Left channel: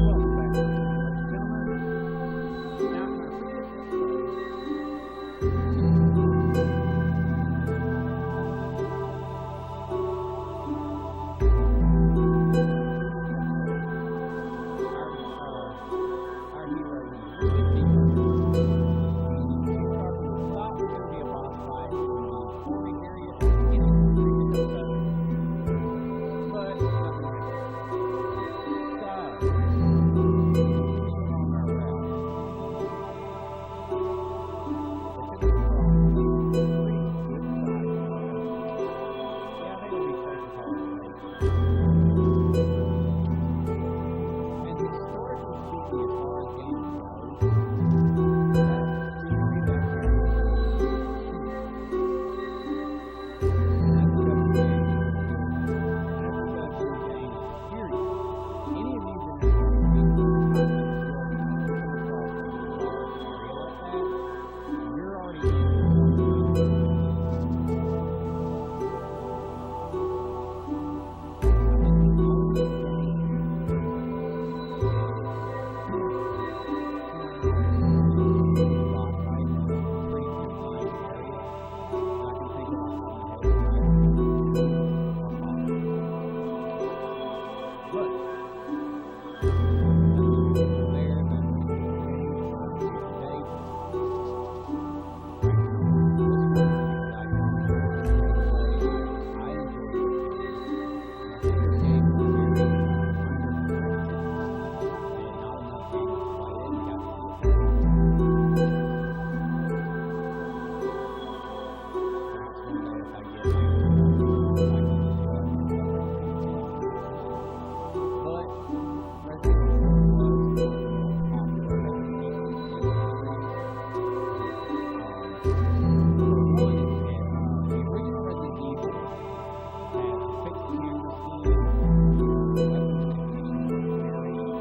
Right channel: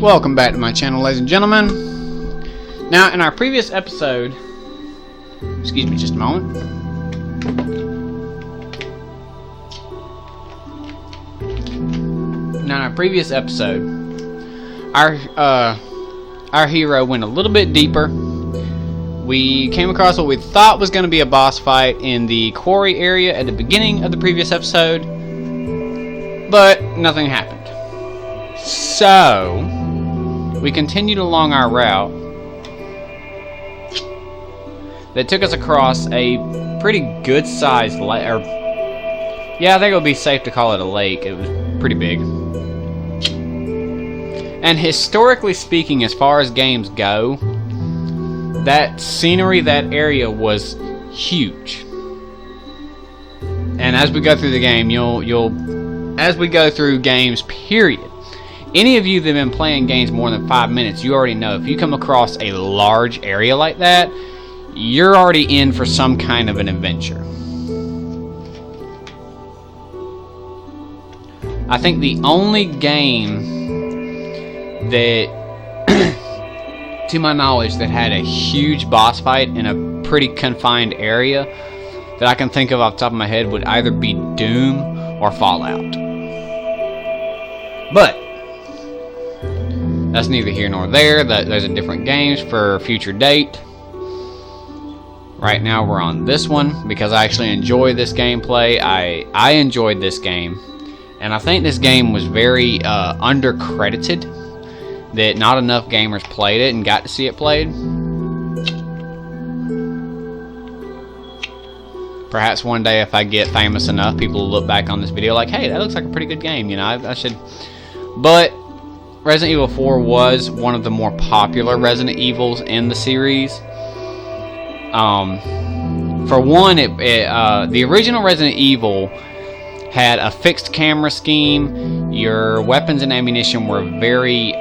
Welcome back to my channel, ladies and gentlemen. Now, in our previous episode, excuse me just a moment. Now, in our previous episode, our hero went a little bit deeper. We came across what we thought was going to be a boss fight in the quarry area at the beginning of the previous episode, but nothing happened. So we continued along our route that took us across a pretty good sized lake, or yeah, I think it would be safe to call it a lake. It was pretty big. And historically speaking, as far as games go, that scenery, that area was huge. And as we go through the game, as we go through games, period, any of you that have been playing games more than 5 minutes, you already know if you come across a large area like that, you're already in for some kind of an adventure. I think the only game that, to my knowledge, that had a huge boss fight in a pretty confined area that I can think of off the top of my head would either be Doom or Fallout. But that's neither here nor there. Those are different games for a future date. Right now we're on this one because I actually enjoy this gameplay. I enjoyed this game, and I think this game was very undercredited, that not enough gamers played it and got to see it played. Perhaps one day if I get famous enough, people will look back on this video like, hey, that looks like a pretty good game, you know, I should. But Resident Evil 4 was one of the more popular Resident Evils in the series. For one, the original Resident Evil had a fixed camera scheme. Your weapons and ammunition were very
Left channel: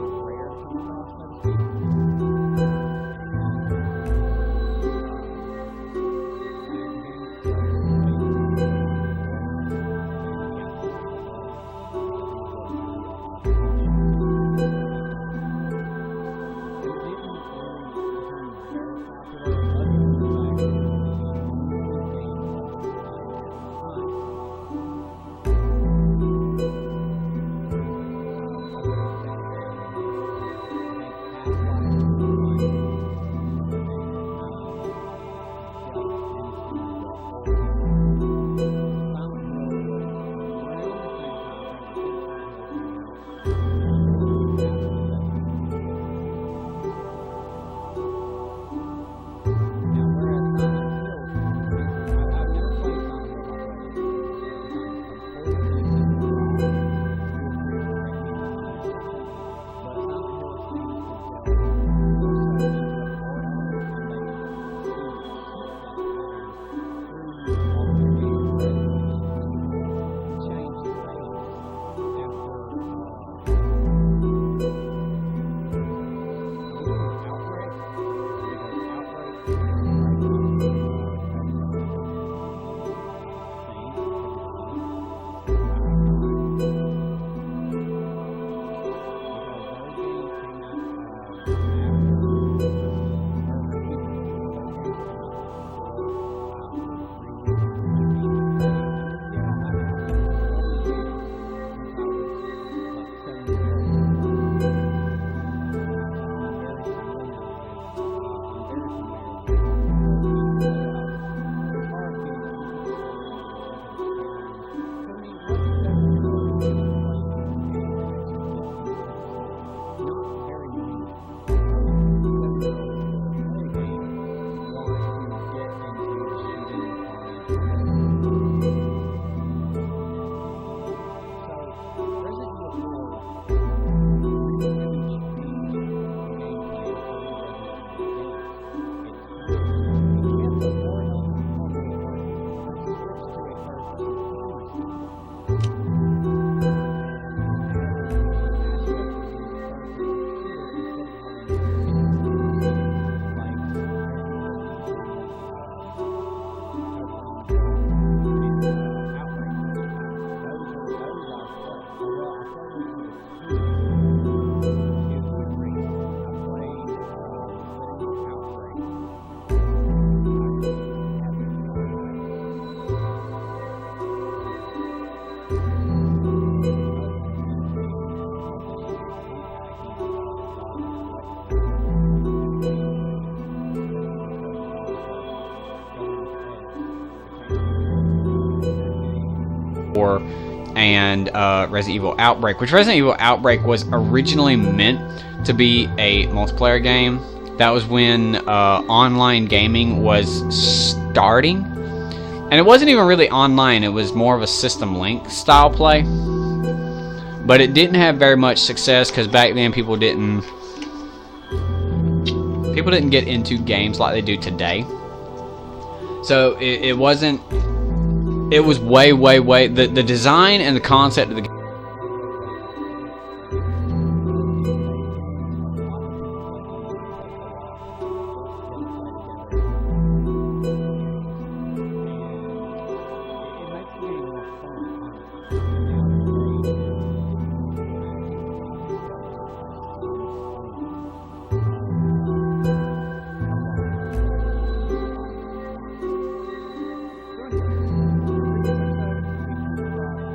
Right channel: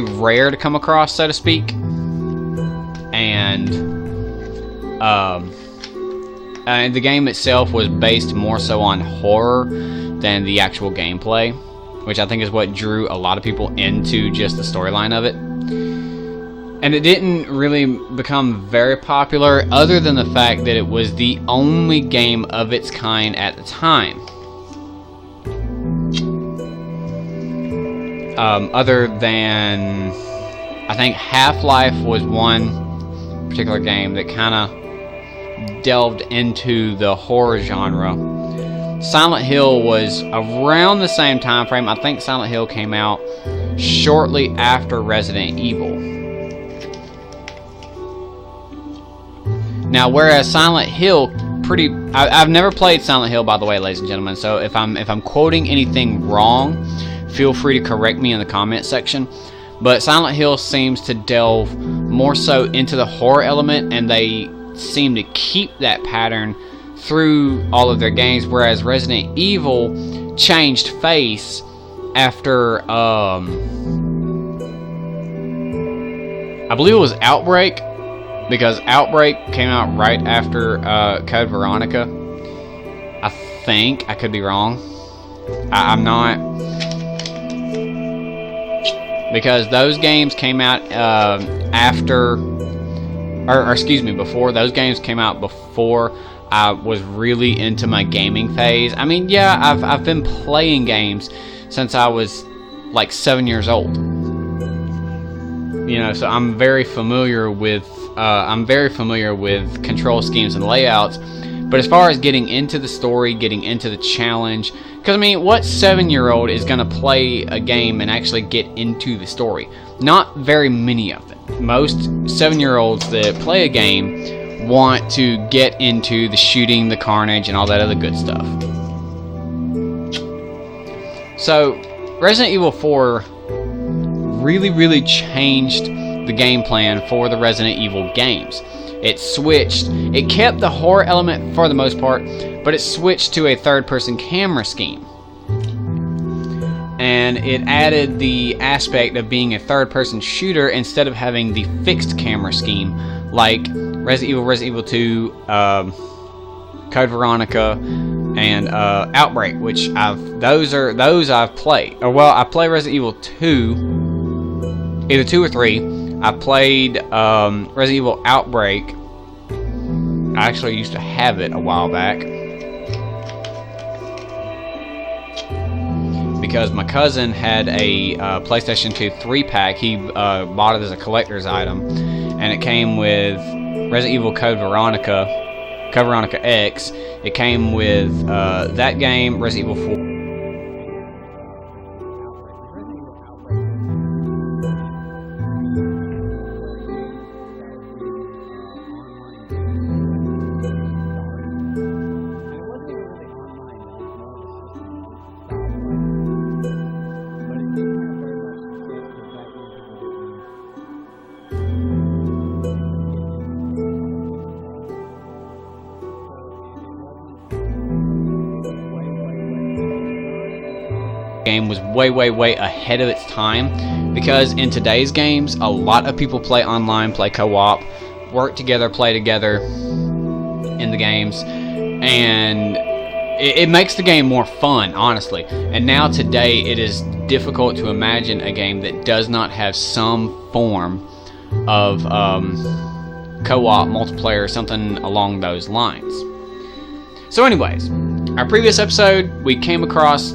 rare to come across, so to speak. And the game itself was based more so on horror than the actual gameplay, which I think is what drew a lot of people into just the storyline of it. And it didn't really become very popular, other than the fact that it was the only game of its kind at the time. Other than, I think Half-Life was one particular game that kind of delved into the horror genre. Silent Hill was around the same time frame. I think Silent Hill came out shortly after Resident Evil. Now, whereas Silent Hill I've never played Silent Hill, by the way, ladies and gentlemen, so if I'm quoting anything wrong, feel free to correct me in the comment section. But Silent Hill seems to delve more so into the horror element, and they seem to keep that pattern through all of their games, whereas Resident Evil changed face after I believe it was Outbreak, because Outbreak came out right after Code Veronica. I think. I could be wrong. I'm not, because those games came out before. Those games came out before I was really into my gaming phase. I mean, yeah, I've been playing games since I was like 7 years old. You know, so I'm very familiar with control schemes and layouts. But as far as getting into the story, getting into the challenge, because I mean, what 7-year-old is going to play a game and actually get into the story? Not very many of them. Most 7-year-olds that play a game want to get into the shooting, the carnage, and all that other good stuff. So Resident Evil 4 really changed the game plan for the Resident Evil games. It kept the horror element for the most part, but it switched to a third-person camera scheme. And it added the aspect of being a third-person shooter instead of having the fixed camera scheme like Resident Evil 2, Code Veronica, and Outbreak, which those I've played. Or well, I played Resident Evil 2, either 2 or 3. I played Resident Evil Outbreak. I actually used to have it a while back because my cousin had a PlayStation 2 3-pack. He bought it as a collector's item, and it came with Resident Evil Code Veronica X. It came with that game, Resident Evil 4, and Resident Evil Outbreak, which Resident Evil Outbreak was originally meant to be a multiplayer game. That was when online gaming was starting. And it wasn't even really online, it was more of a System Link style play. But it didn't have very much success because back then people didn't get into games like they do today. So it was way, the design and the concept of the game was way ahead of its time, because in today's games, a lot of people play online, play co-op, work together, play together in the games, and it makes the game more fun, honestly. And now today, it is difficult to imagine a game that does not have some form of co-op, multiplayer, something along those lines. So anyways, our previous episode, we came across,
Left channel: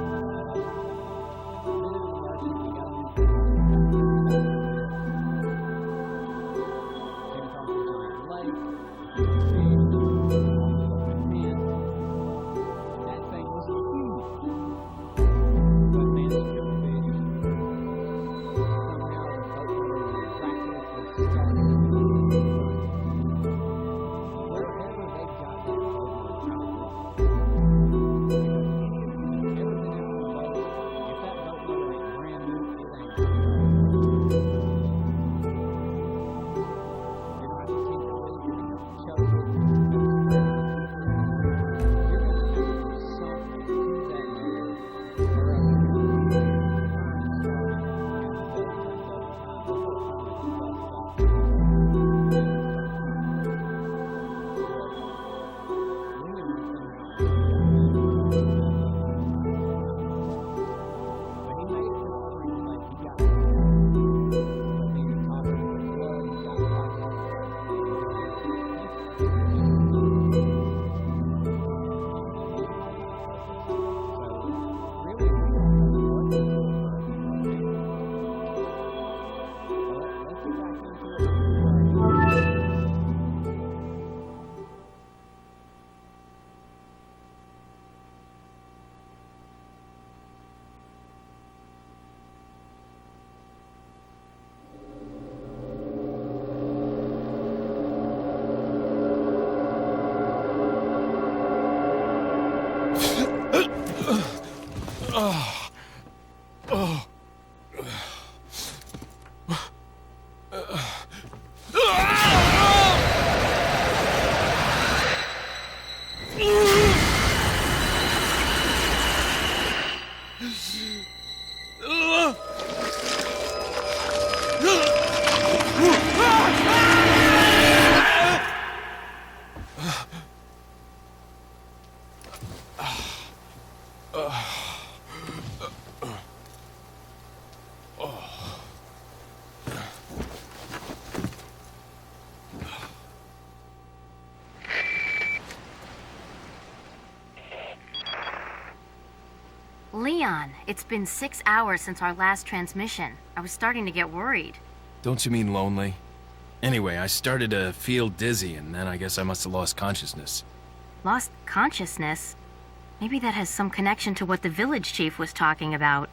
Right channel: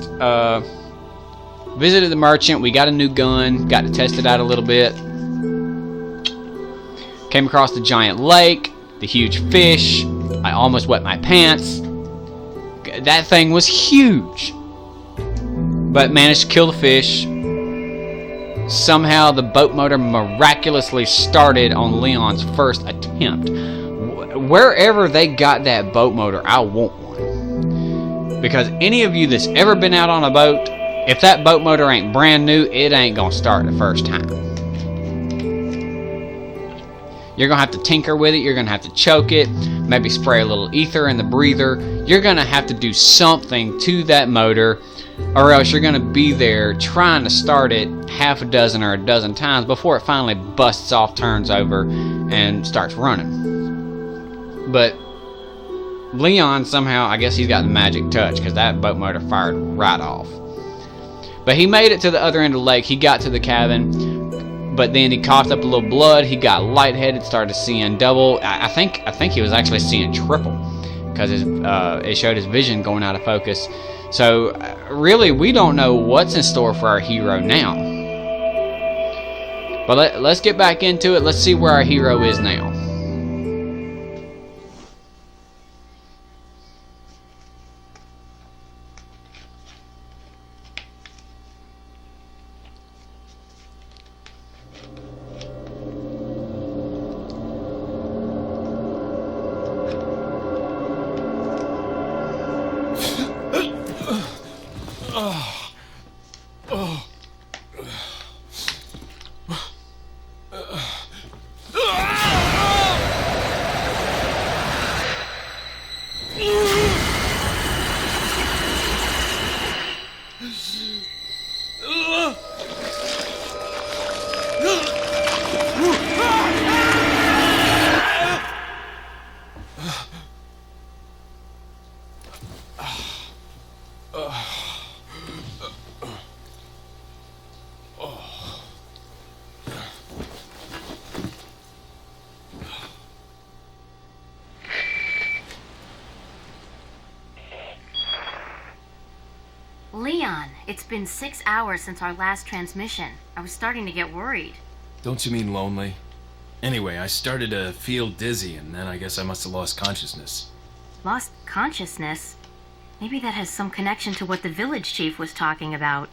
visited the merchant, we got a new gun, got to test it out a little bit. Came across the giant lake, the huge fish, I almost wet my pants. That thing was huge. But managed to kill the fish. Somehow the boat motor miraculously started on Leon's first attempt. Wherever they got that boat motor, I want one. Because any of you that's ever been out on a boat, if that boat motor ain't brand new, it ain't gonna start the first time. You're gonna have to tinker with it, you're gonna have to choke it, maybe spray a little ether in the breather. You're gonna have to do something to that motor, or else you're gonna be there trying to start it half a dozen or a dozen times before it finally busts off, turns over, and starts running. But Leon somehow, I guess he's got the magic touch, because that boat motor fired right off. But he made it to the other end of the lake. He got to the cabin, but then he coughed up a little blood. He got lightheaded, started seeing double. I think he was actually seeing triple, because it showed his vision going out of focus. So really, we don't know what's in store for our hero now. But let's get back into it. Let's see where our hero is now. Leon, it's been 6 hours since our last transmission. I was starting to get worried. Don't you mean lonely? Anyway, I started to feel dizzy, and then I guess I must have lost consciousness. Lost consciousness? Maybe that has some connection to what the village chief was talking about.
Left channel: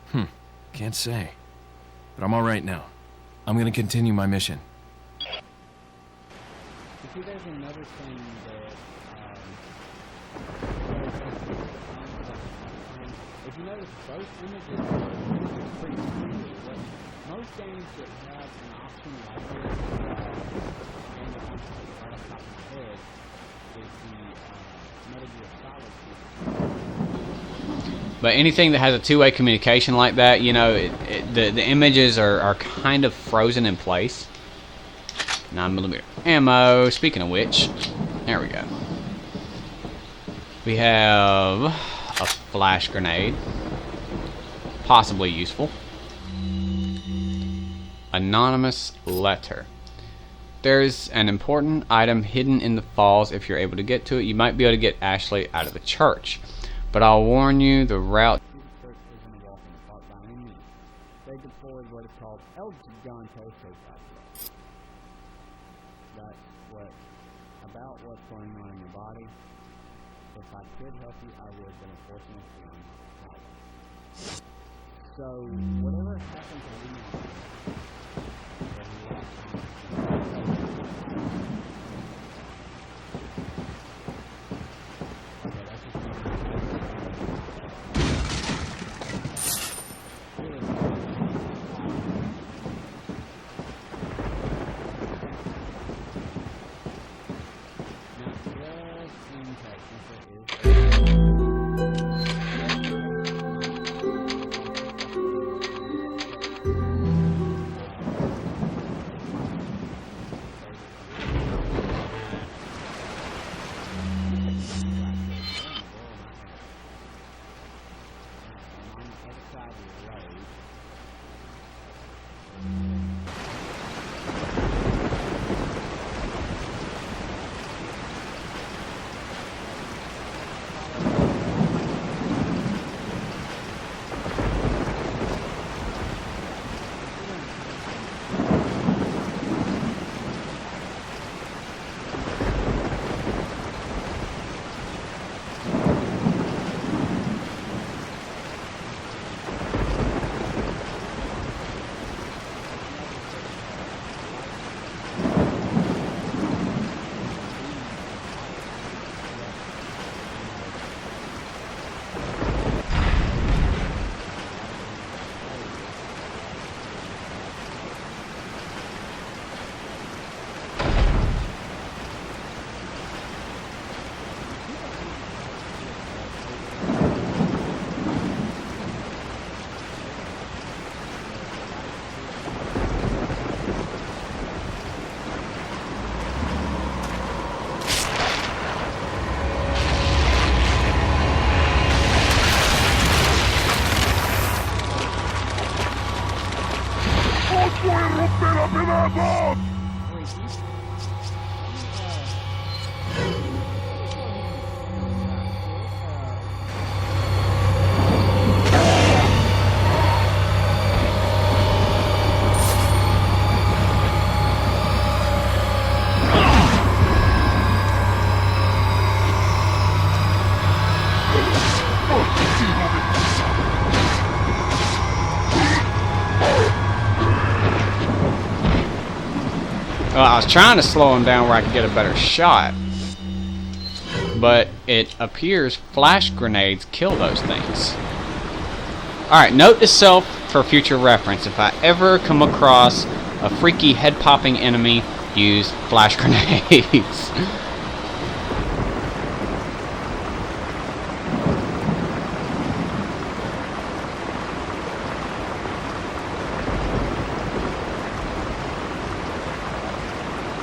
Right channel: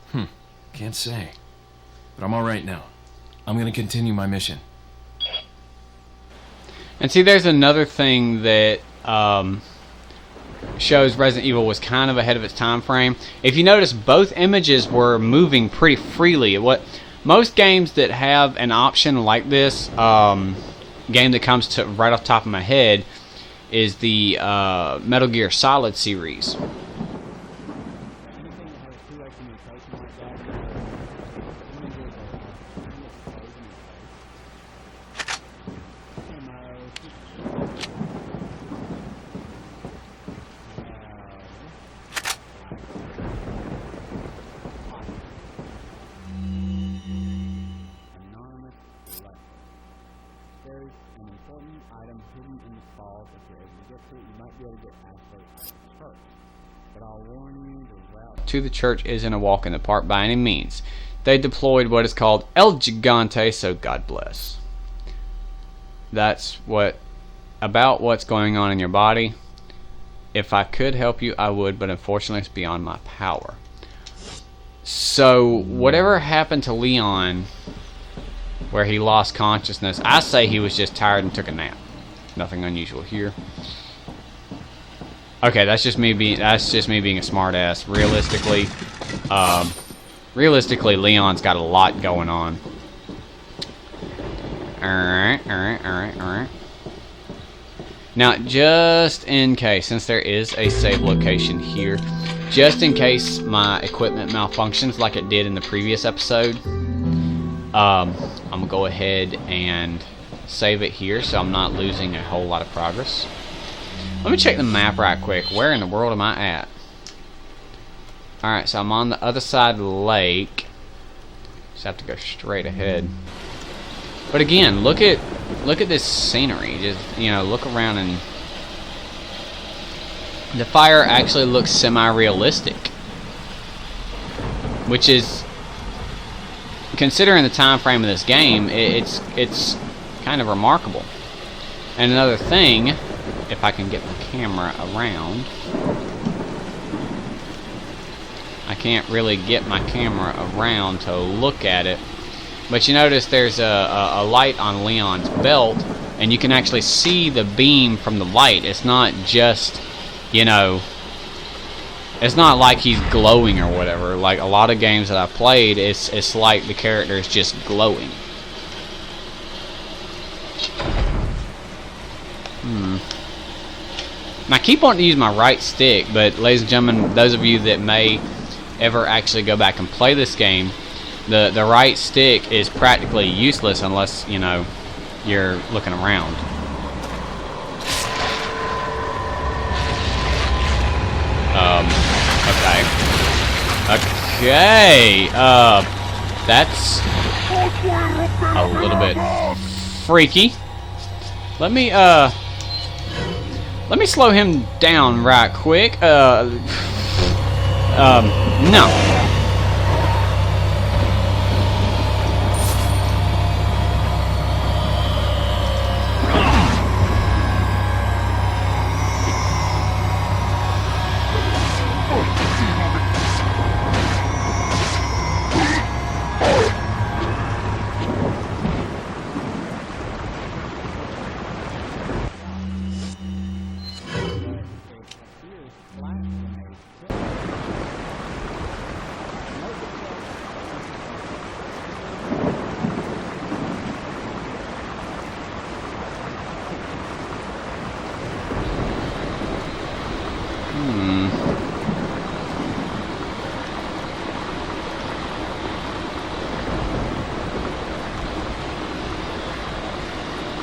Can't say. But I'm alright now. I'm gonna continue my mission. And see, there's another thing that shows Resident Evil was kind of ahead of its time frame. If you notice, both images were moving pretty freely. Most games that have an option like this, game that comes to right off the top of my head, is the Metal Gear Solid series. But anything that has a two-way communication like that, you know, the images are kind of frozen in place. 9mm ammo. Speaking of which, there we go. We have a flash grenade. Possibly useful. Anonymous letter. There's an important item hidden in the falls. If you're able to get to it, you might be able to get Ashley out of the church. But I'll warn you, the route to the church isn't a walk in the park by any means. They deployed what is called El Gigante, so God bless. That's about what's going on in your body. If I could help you, I would, but unfortunately it's beyond my power. So, whatever happened to Leon, where he lost consciousness, I say he was just tired and took a nap. Nothing unusual here. Okay, that's just me being a smart ass. Realistically, Leon's got a lot going on. Alright. Now, just in case, since there is a save location here, just in case my equipment malfunctions like it did in the previous episode, I'm gonna go ahead and save it here so I'm not losing a whole lot of progress. Let me check the map right quick. Where in the world am I at? Alright, so I'm on the other side of the lake. Just have to go straight ahead. But again, look at this scenery. Just, you know, look around, and the fire actually looks semi-realistic, which is, considering the time frame of this game, it's kind of remarkable. And another thing, if I can get the camera around, I can't really get my camera around to look at it, but you notice there's a light on Leon's belt, and you can actually see the beam from the light. It's not just, you know, it's not like he's glowing or whatever. Like a lot of games that I've played, it's like the character is just glowing. I keep wanting to use my right stick, but ladies and gentlemen, those of you that may ever actually go back and play this game, the right stick is practically useless unless, you know, you're looking around. Okay. That's a little bit freaky. Let me slow him down right quick. No. I was trying to slow him down where I could get a better shot, but it appears flash grenades kill those things. Alright, note to self for future reference. If I ever come across a freaky head-popping enemy, use flash grenades.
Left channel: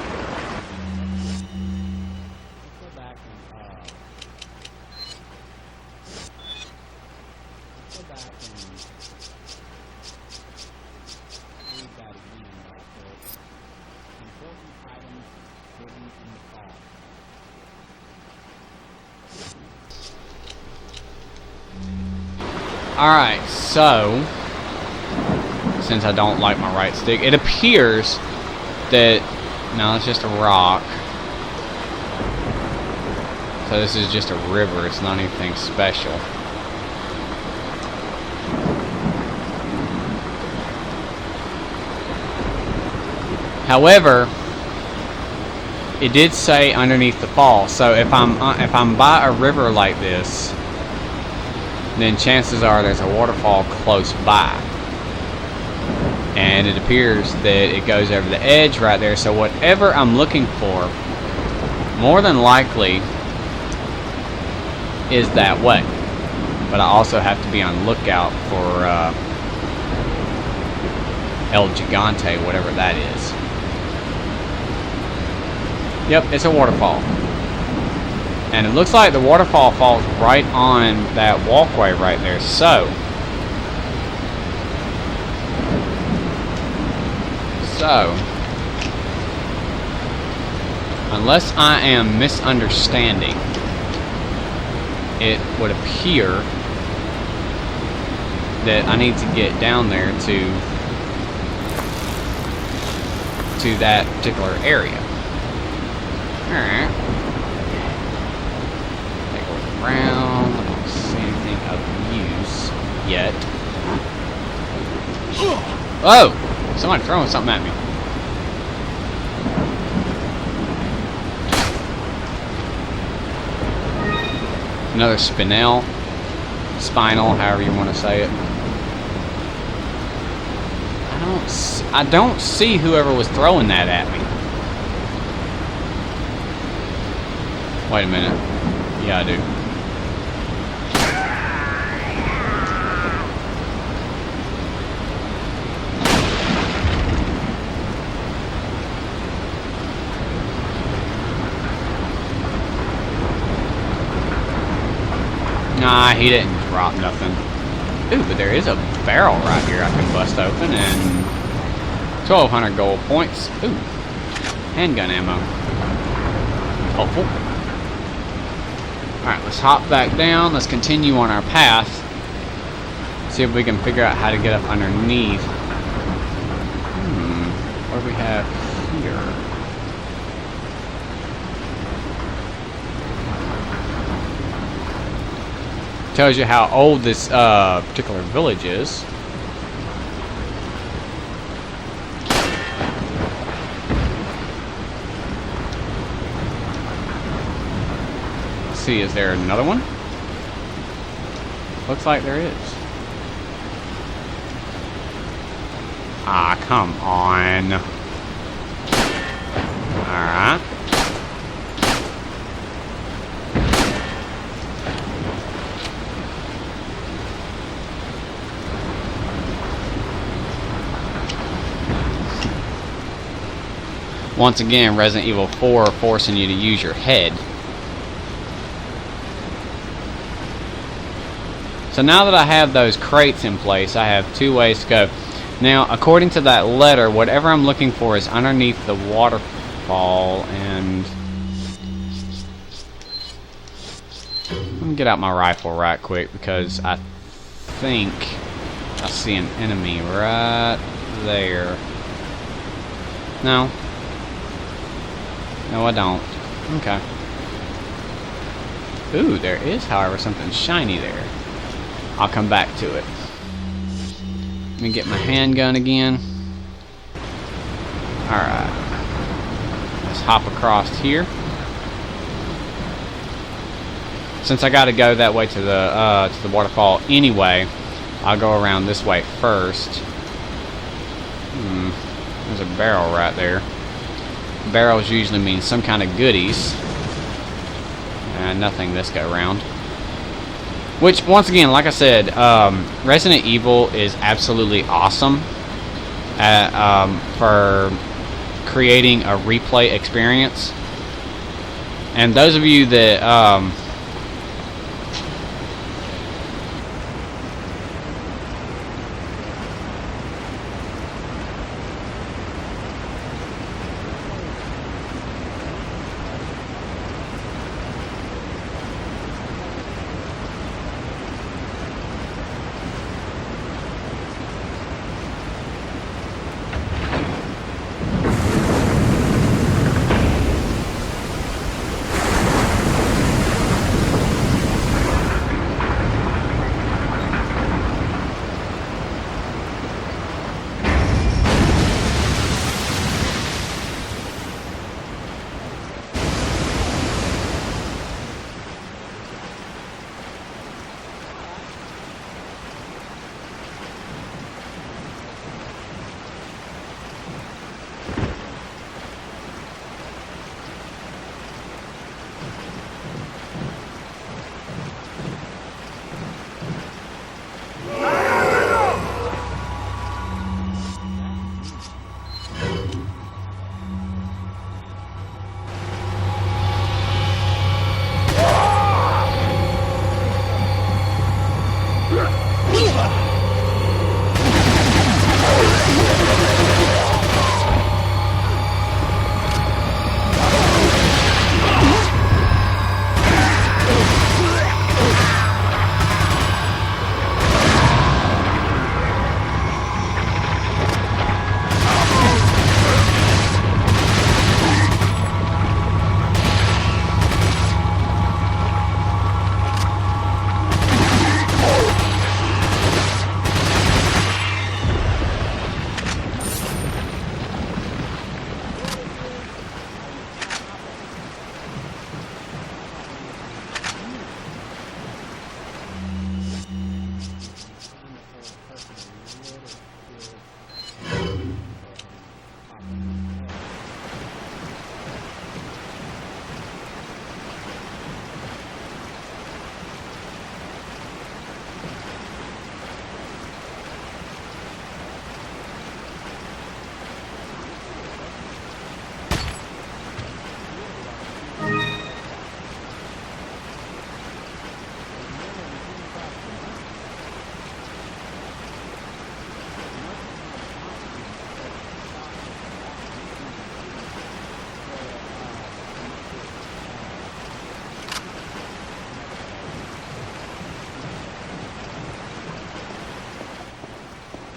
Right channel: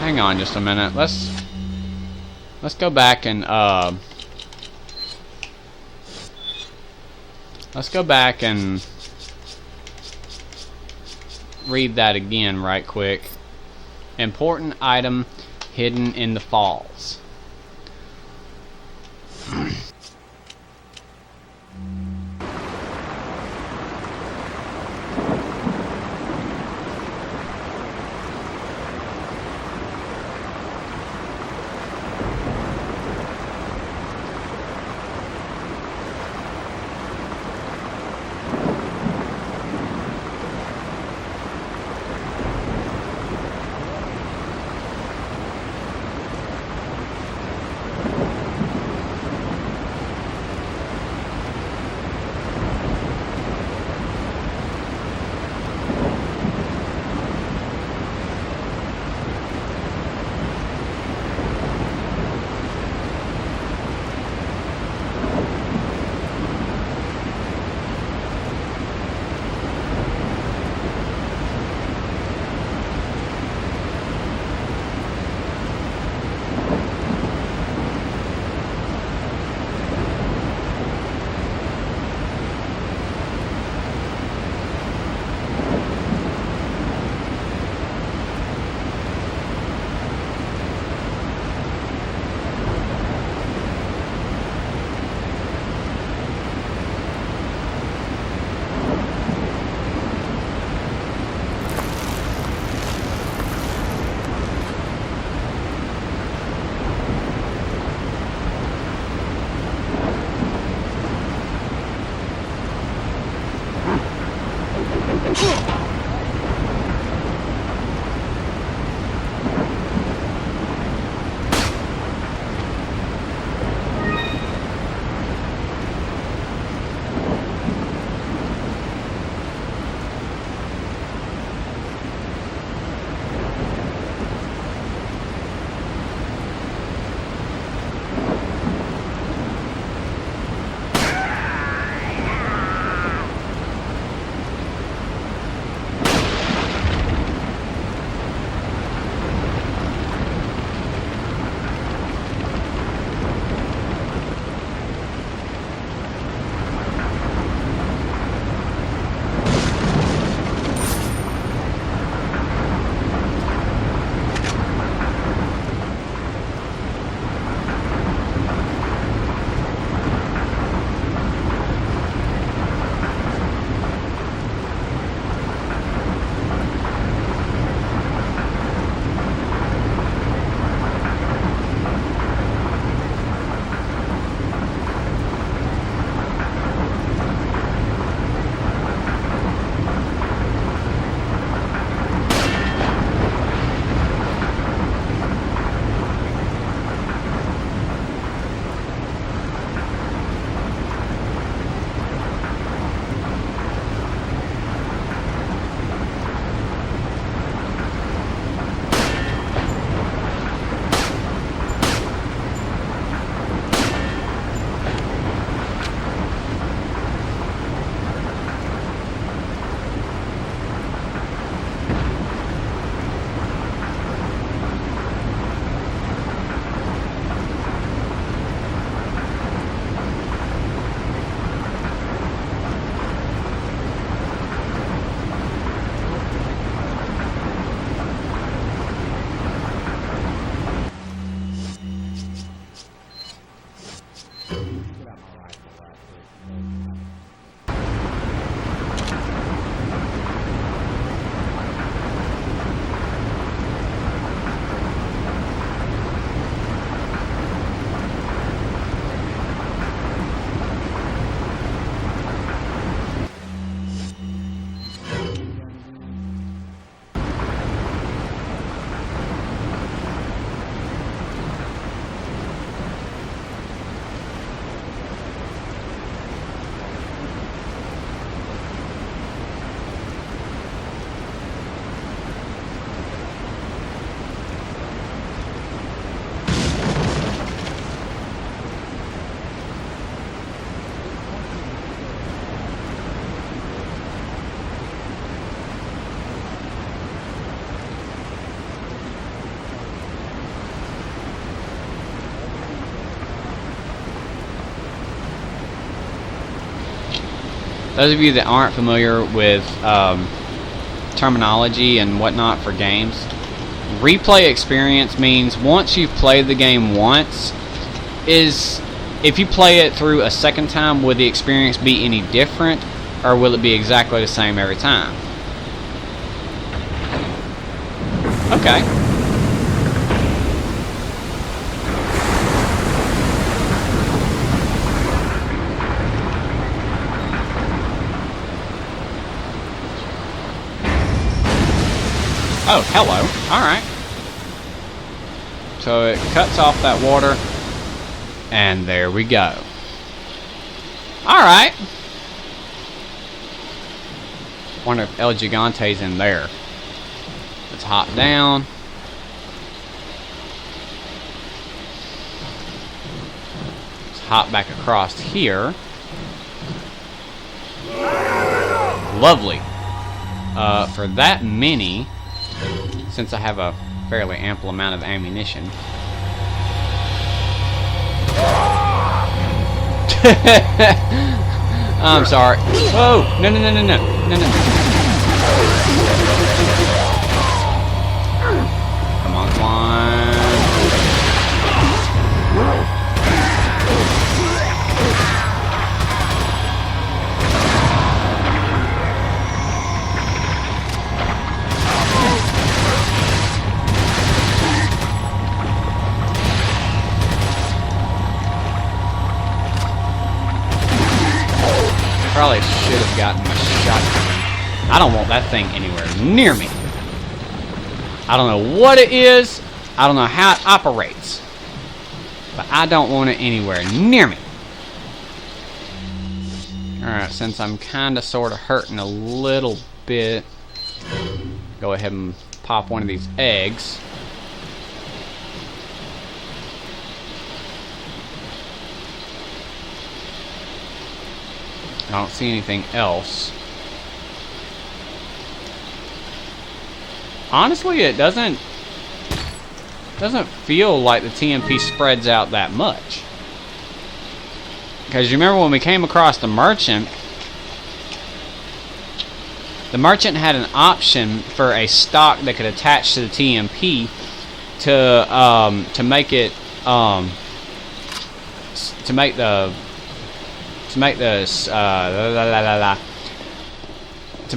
Hang on just a minute. Let's go back and read that again right quick. Important item hidden in the falls. Alright, so since I don't like my right stick, it appears that no, it's just a rock. So this is just a river, it's not anything special. However, it did say underneath the fall, so if I'm by a river like this, then chances are there's a waterfall close by. And it appears that it goes over the edge right there, so whatever I'm looking for, more than likely, is that way. But I also have to be on the lookout for El Gigante, whatever that is. Yep, it's a waterfall. And it looks like the waterfall falls right on that walkway right there. So unless I am misunderstanding, it would appear that I need to get down there to that particular area. Alright. Around. Use yet. Oh! Somebody throwing something at me. Another spinel. Spinal, however you want to say it. I don't see whoever was throwing that at me. Wait a minute. Yeah, I do. Nah, he didn't rock nothing. Ooh, but there is a barrel right here I can bust open, and 1,200 gold points. Ooh, handgun ammo. Helpful. Alright, let's hop back down. Let's continue on our path. See if we can figure out how to get up underneath. What do we have? Tells you how old this particular village is. Let's see, is there another one? Looks like there is. Ah, come on. Alright. Once again, Resident Evil 4 forcing you to use your head. So now that I have those crates in place, I have two ways to go. Now, according to that letter, whatever I'm looking for is underneath the waterfall, and let me get out my rifle right quick because I think I see an enemy right there. No. No, I don't. Okay. Ooh, there is, however, something shiny there. I'll come back to it. Let me get my handgun again. Alright. Let's hop across here. Since I gotta go that way to the waterfall anyway, I'll go around this way first. There's a barrel right there. Barrels usually mean some kind of goodies. And nothing this go round. Which, once again, like I said, Resident Evil is absolutely awesome at, for creating a replay experience. And those of you that aren't familiar with terminology and whatnot for games, replay experience means once you've played the game once, is if you play it through a second time, will the experience be any different, or will it be exactly the same every time? Okay. Oh, hello. Alright. So it cuts off that water. And there we go. Alright. Wonder if El Gigante's in there. Let's hop down. Let's hop back across here. Lovely. For that many, since I have a fairly ample amount of ammunition. I'm sorry. Whoa! No, no, no, no, no. No, no. Come on. Probably should have gotten shot. I don't want that thing anywhere near me. I don't know what it is. I don't know how it operates. But I don't want it anywhere near me. Alright, since I'm kind of sort of hurting a little bit, go ahead and pop one of these eggs. I don't see anything else. Honestly, it doesn't feel like the TMP spreads out that much. Because you remember when we came across the merchant had an option for a stock that could attach to the TMP to make it to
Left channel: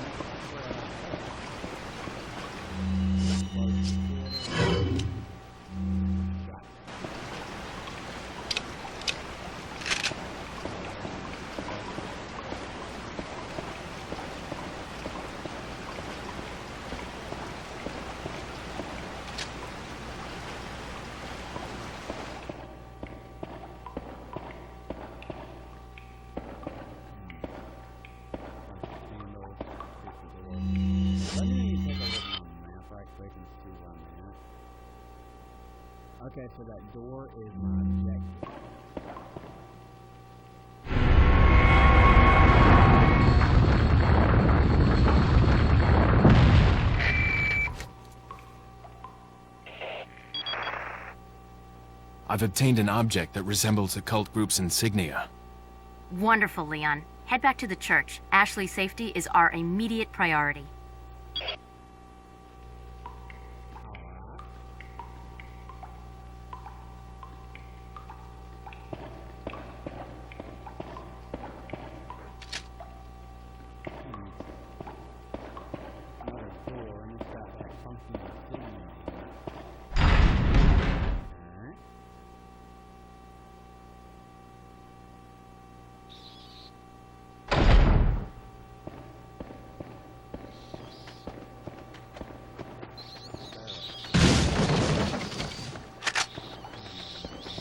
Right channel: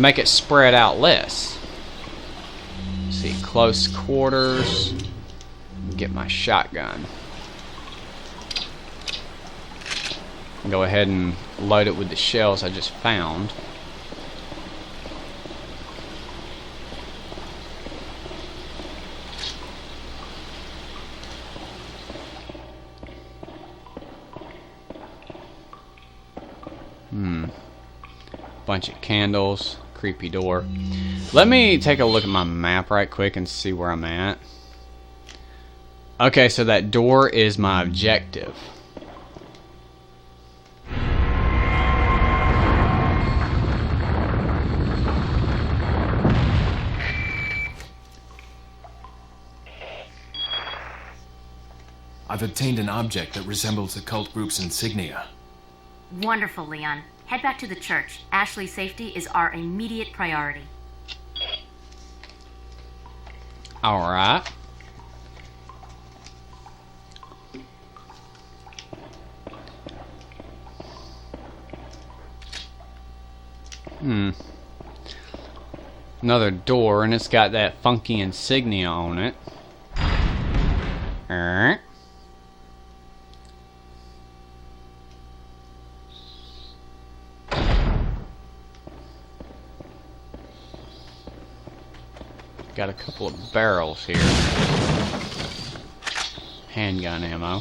make it spread out less. Let's see, close quarters. Get my shotgun. Go ahead and load it with the shells I just found. Bunch of candles, creepy door. Let me take a look at my map right quick and see where I'm at. Okay, so that door is my objective. I've obtained an object that resembles the cult group's insignia. Wonderful, Leon. Head back to the church. Ashley's safety is our immediate priority. Alright. Another door, and it's got that funky insignia on it. Got a couple of barrels here. Handgun ammo.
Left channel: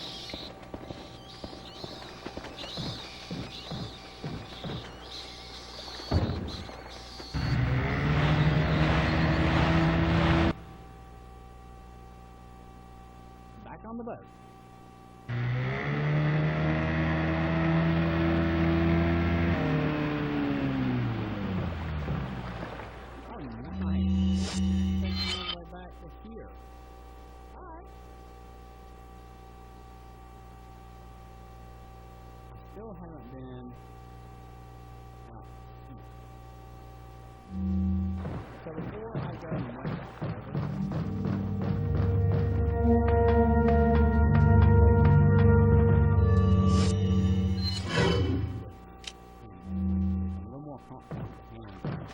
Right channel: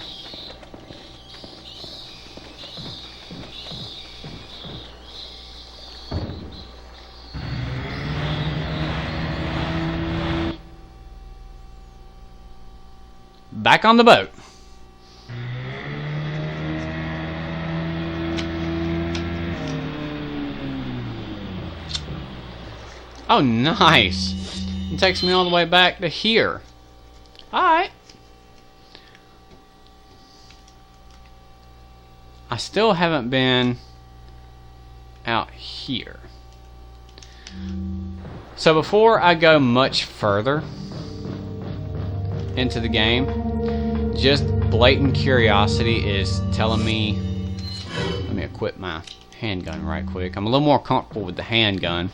Back on the boat. Oh, nice. It takes me all the way back to here. Alright. I still haven't been out here. So before I go much further into the game, just blatant curiosity is telling me, let me equip my handgun right quick. I'm a little more comfortable with the handgun.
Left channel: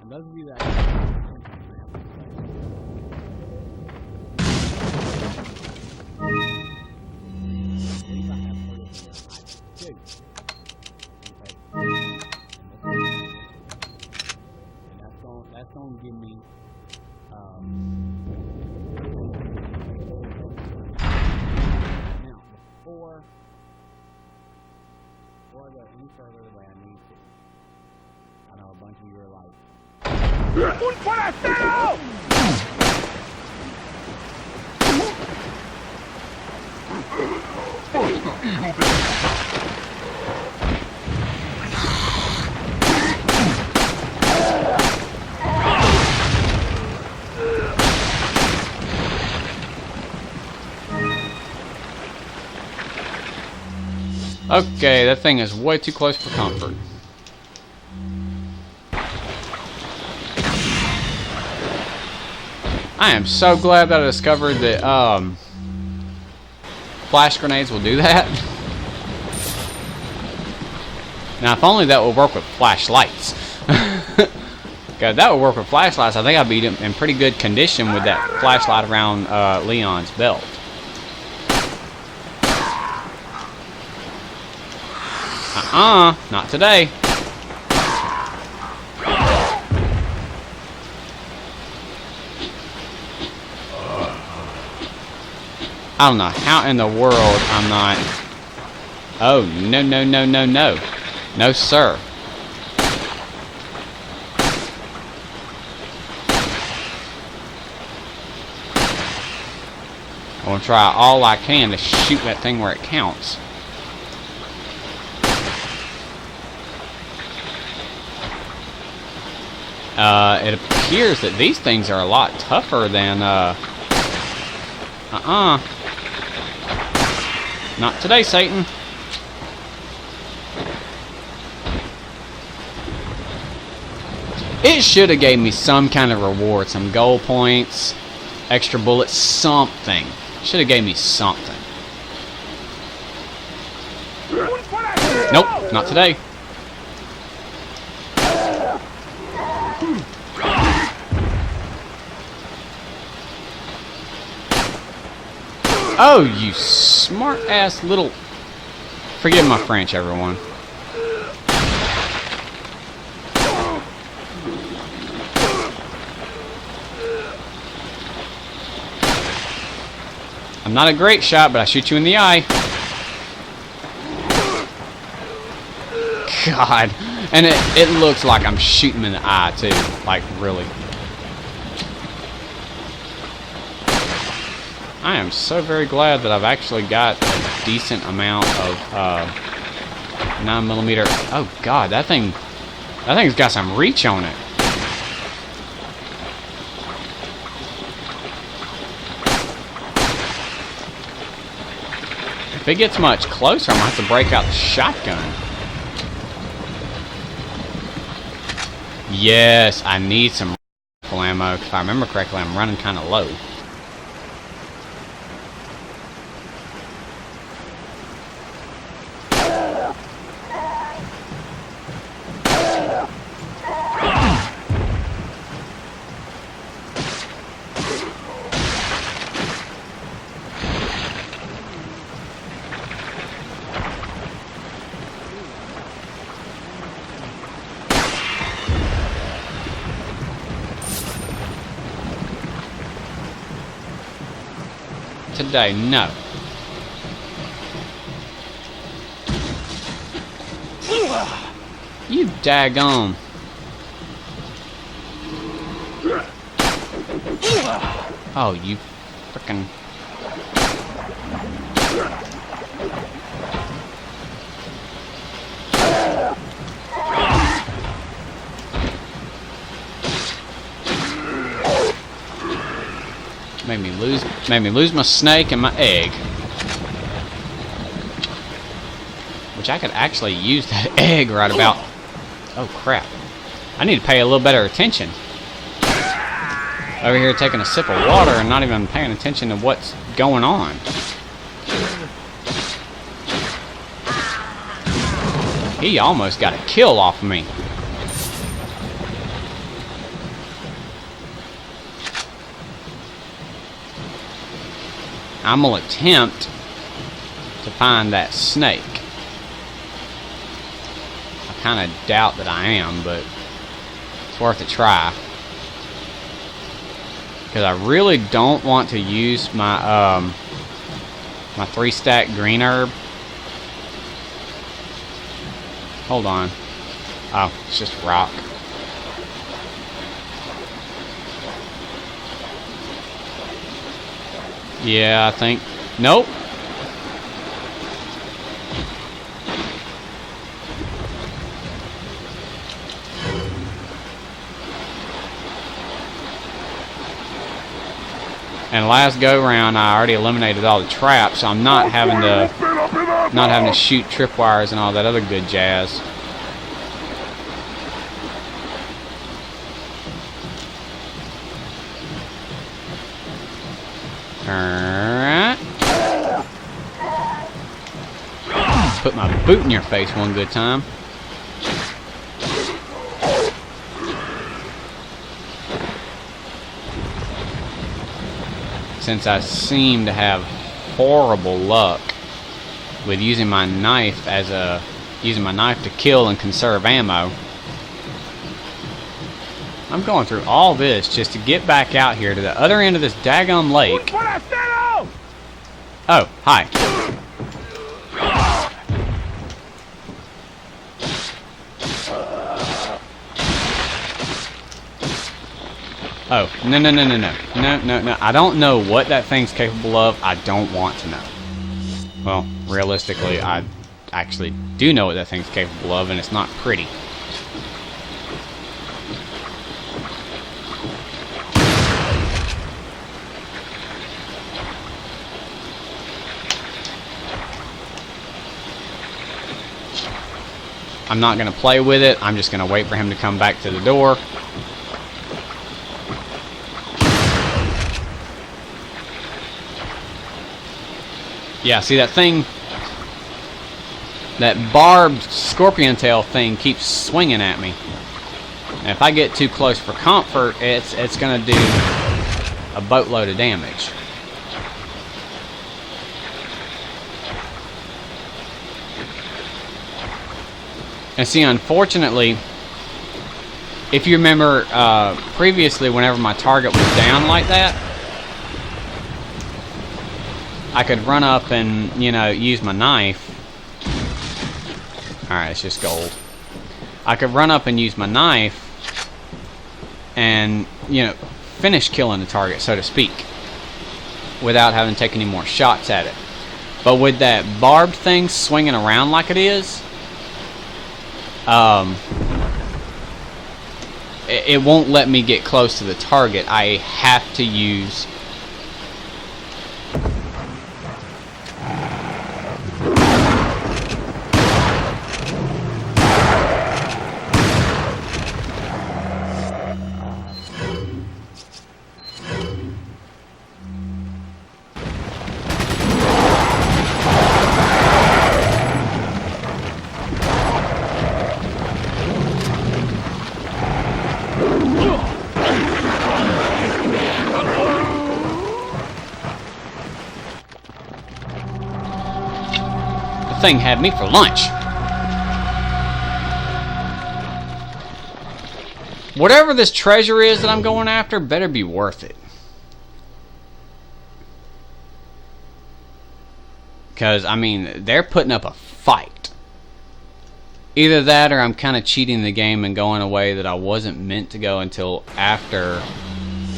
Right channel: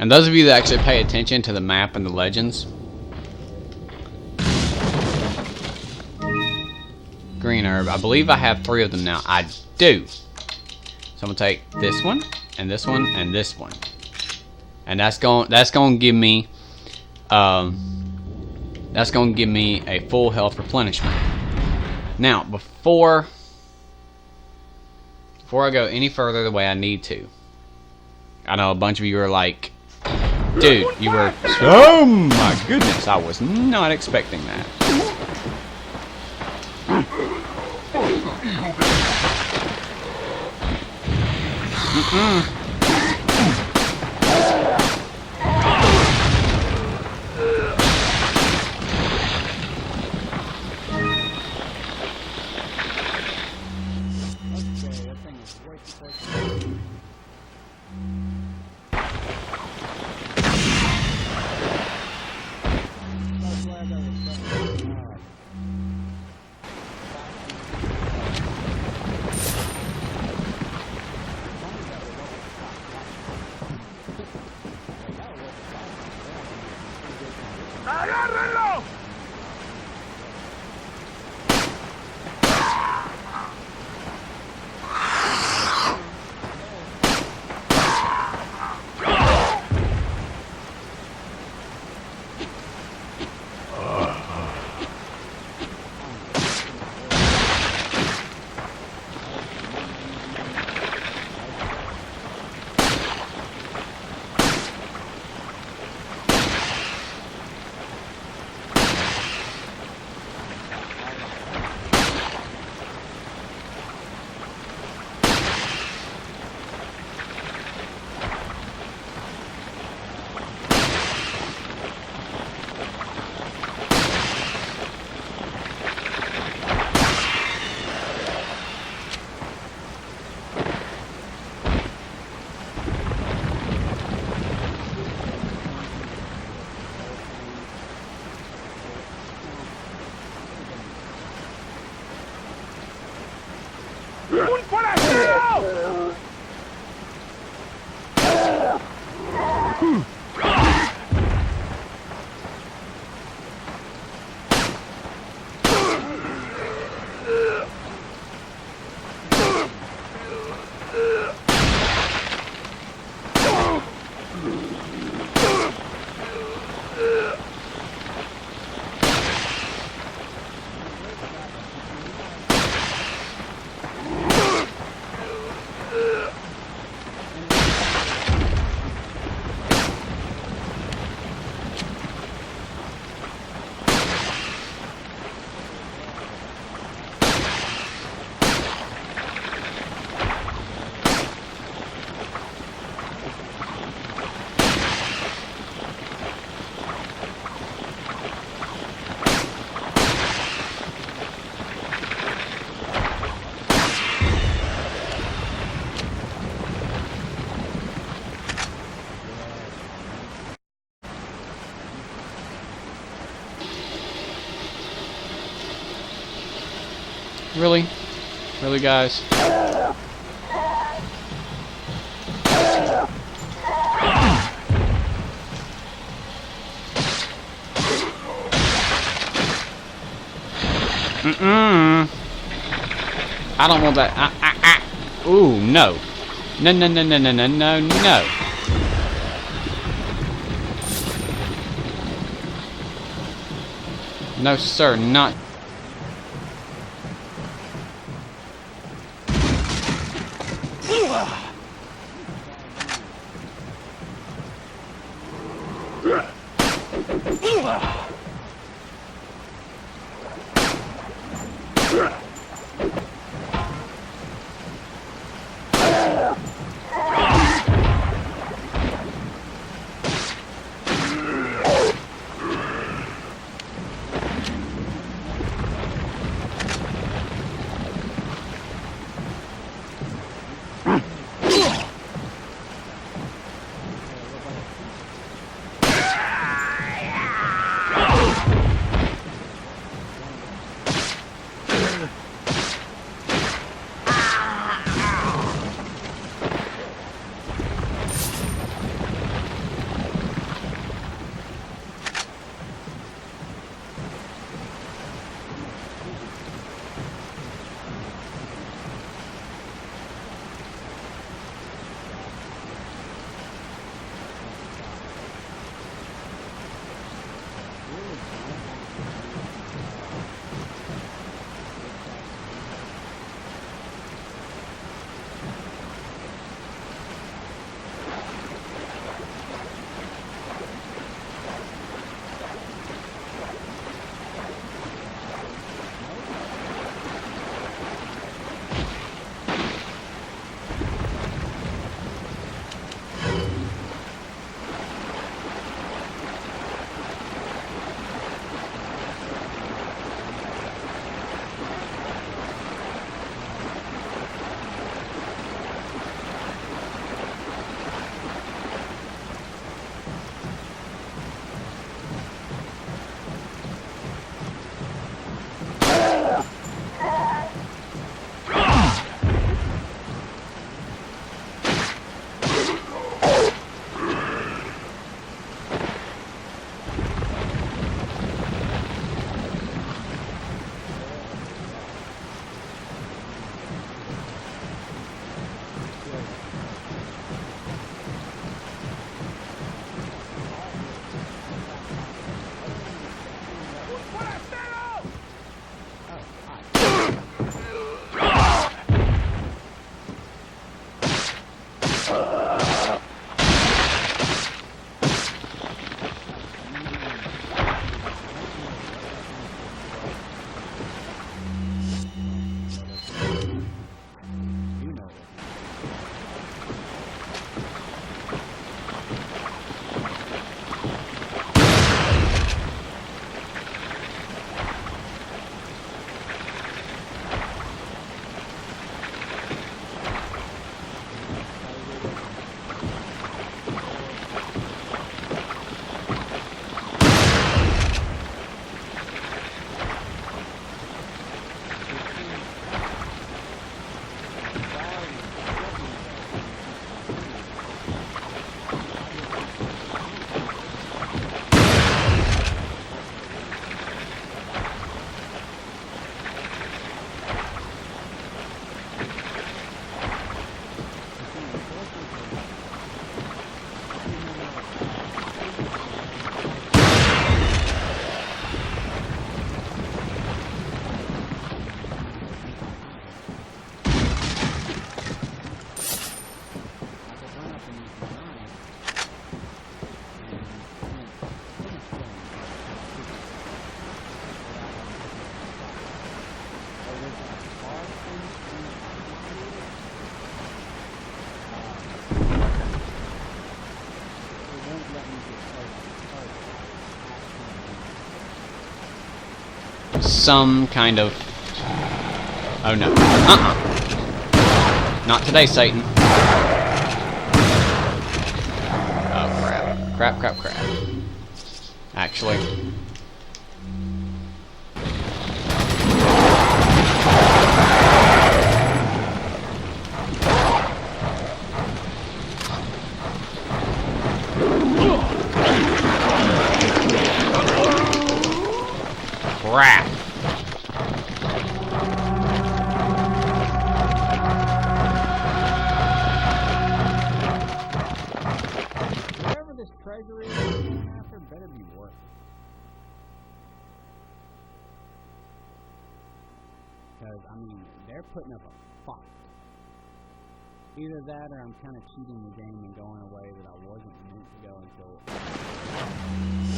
And those of you that actually pay attention to the map and the legends, green herb, I believe I have 3 of them now. I do. So I'm gonna take this one and this one and this one, and that's going to give me a full health replenishment. Now before I go any further the way I need to, I know a bunch of you are like, dude, you were, oh my goodness, I was not expecting that. Okay, that thing is way too close for comfort. I am so glad that I discovered that flash grenades will do that. Now, if only that would work with flashlights. God, that would work with flashlights. I think I'd be in pretty good condition with that flashlight around Leon's belt. Not today. I don't know how in the world I'm not... Oh, no, no, no, no, no. No, sir. I'm gonna try all I can to shoot that thing where it counts. It appears that these things are a lot tougher than, Not today, Satan. It should have gave me some kind of reward, some gold points, extra bullets, something. Should have gave me something. Nope, not today. Oh, you smart-ass little... Forgive my French, everyone. I'm not a great shot, but I shoot you in the eye. God. And it looks like I'm shooting him in the eye, too. Like, really. I am so very glad that I've actually got a decent amount of 9mm. Oh God, that thing's got some reach on it. If it gets much closer, I'm going to have to break out the shotgun. Yes, I need some rifle ammo. If I remember correctly, I'm running kind of low. Really? Really, guys? I don't want that. Ooh, no. No, no, no, no, no, no, no, no. No, sir, not today, no. You daggone. Oh, you frickin'. Made me lose my snake and my egg. Which I could actually use that egg right about. Oh crap. I need to pay a little better attention. Over here taking a sip of water and not even paying attention to what's going on. He almost got a kill off of me. I'm gonna attempt to find that snake. I kind of doubt that I am, but it's worth a try. Because I really don't want to use my my 3-stack green herb. Hold on. Oh, it's just rock. Yeah, I think. Nope. And last go round, I already eliminated all the traps, so I'm not having to shoot tripwires and all that other good jazz. Alright. Put my boot in your face one good time. Since I seem to have horrible luck with using my knife to kill and conserve ammo, I'm going through all this just to get back out here to the other end of this daggum lake. Oh, hi. Oh, no. I don't know what that thing's capable of. I don't want to know. Well, realistically, I actually do know what that thing's capable of, and it's not pretty. I'm not going to play with it. I'm just going to wait for him to come back to the door. Yeah, see that thing, that barbed scorpion tail thing keeps swinging at me. And if I get too close for comfort, it's going to do a boatload of damage. And see, unfortunately, if you remember previously, whenever my target was down like that, I could run up and, you know, use my knife. Alright, it's just gold. I could run up and use my knife and, you know, finish killing the target, so to speak, without having to take any more shots at it. But with that barbed thing swinging around like it is, it won't let me get close to the target. I have to use some kind of... Oh no. Not today, Satan. Oh, crap. Actually... Crap. Thing had me for lunch. Whatever this treasure is that I'm going after better be worth it. Because, I mean, they're putting up a fight. Either that or I'm kind of cheating the game and going a way that I wasn't meant to go until after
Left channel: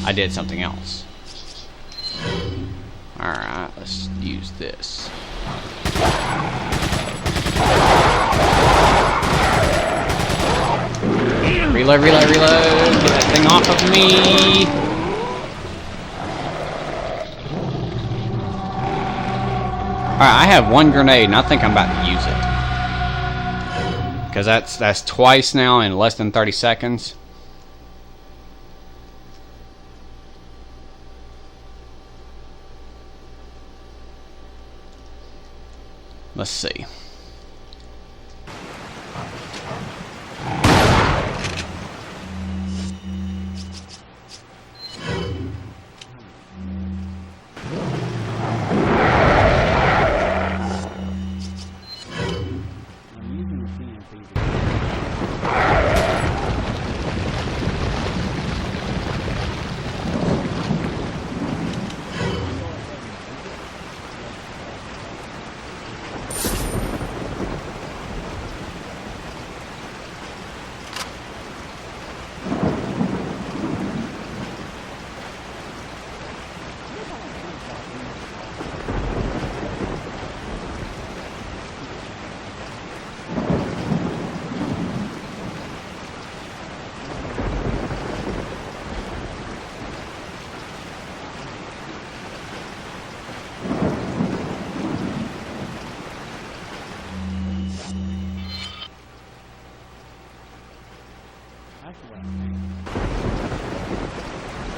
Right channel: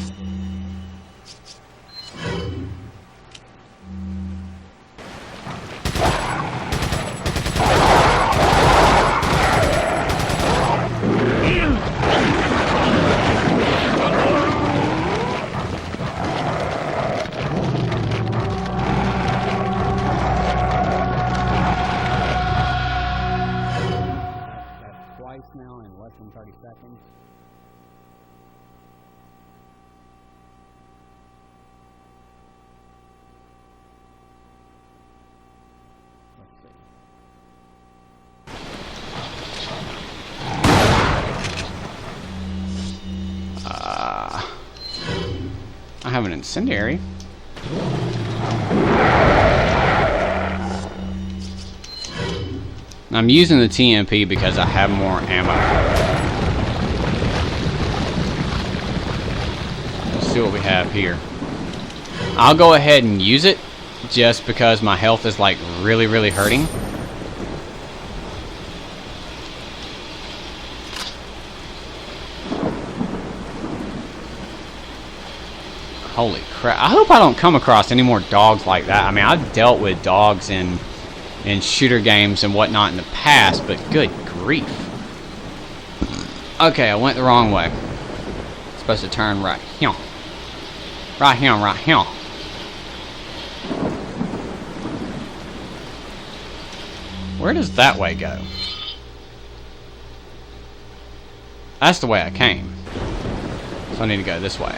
I did something else. Alright, let's use this. Reload. Getting off of me. Alright, I have one grenade and I think I'm about to use it. Because that's twice now in less than 30 seconds. Let's see. I have an incendiary. I'm using the TMP because I have more ammo. Let's see what we have here. I'll go ahead and use it just because my health is like really hurting. Holy crap. I hope I don't come across any more dogs like that. I mean, I've dealt with dogs in shooter games and whatnot in the past, but good grief. Okay, I went the wrong way. Supposed to turn right. Right here, right here. Where does that way go? That's the way I came. So I need to go this way.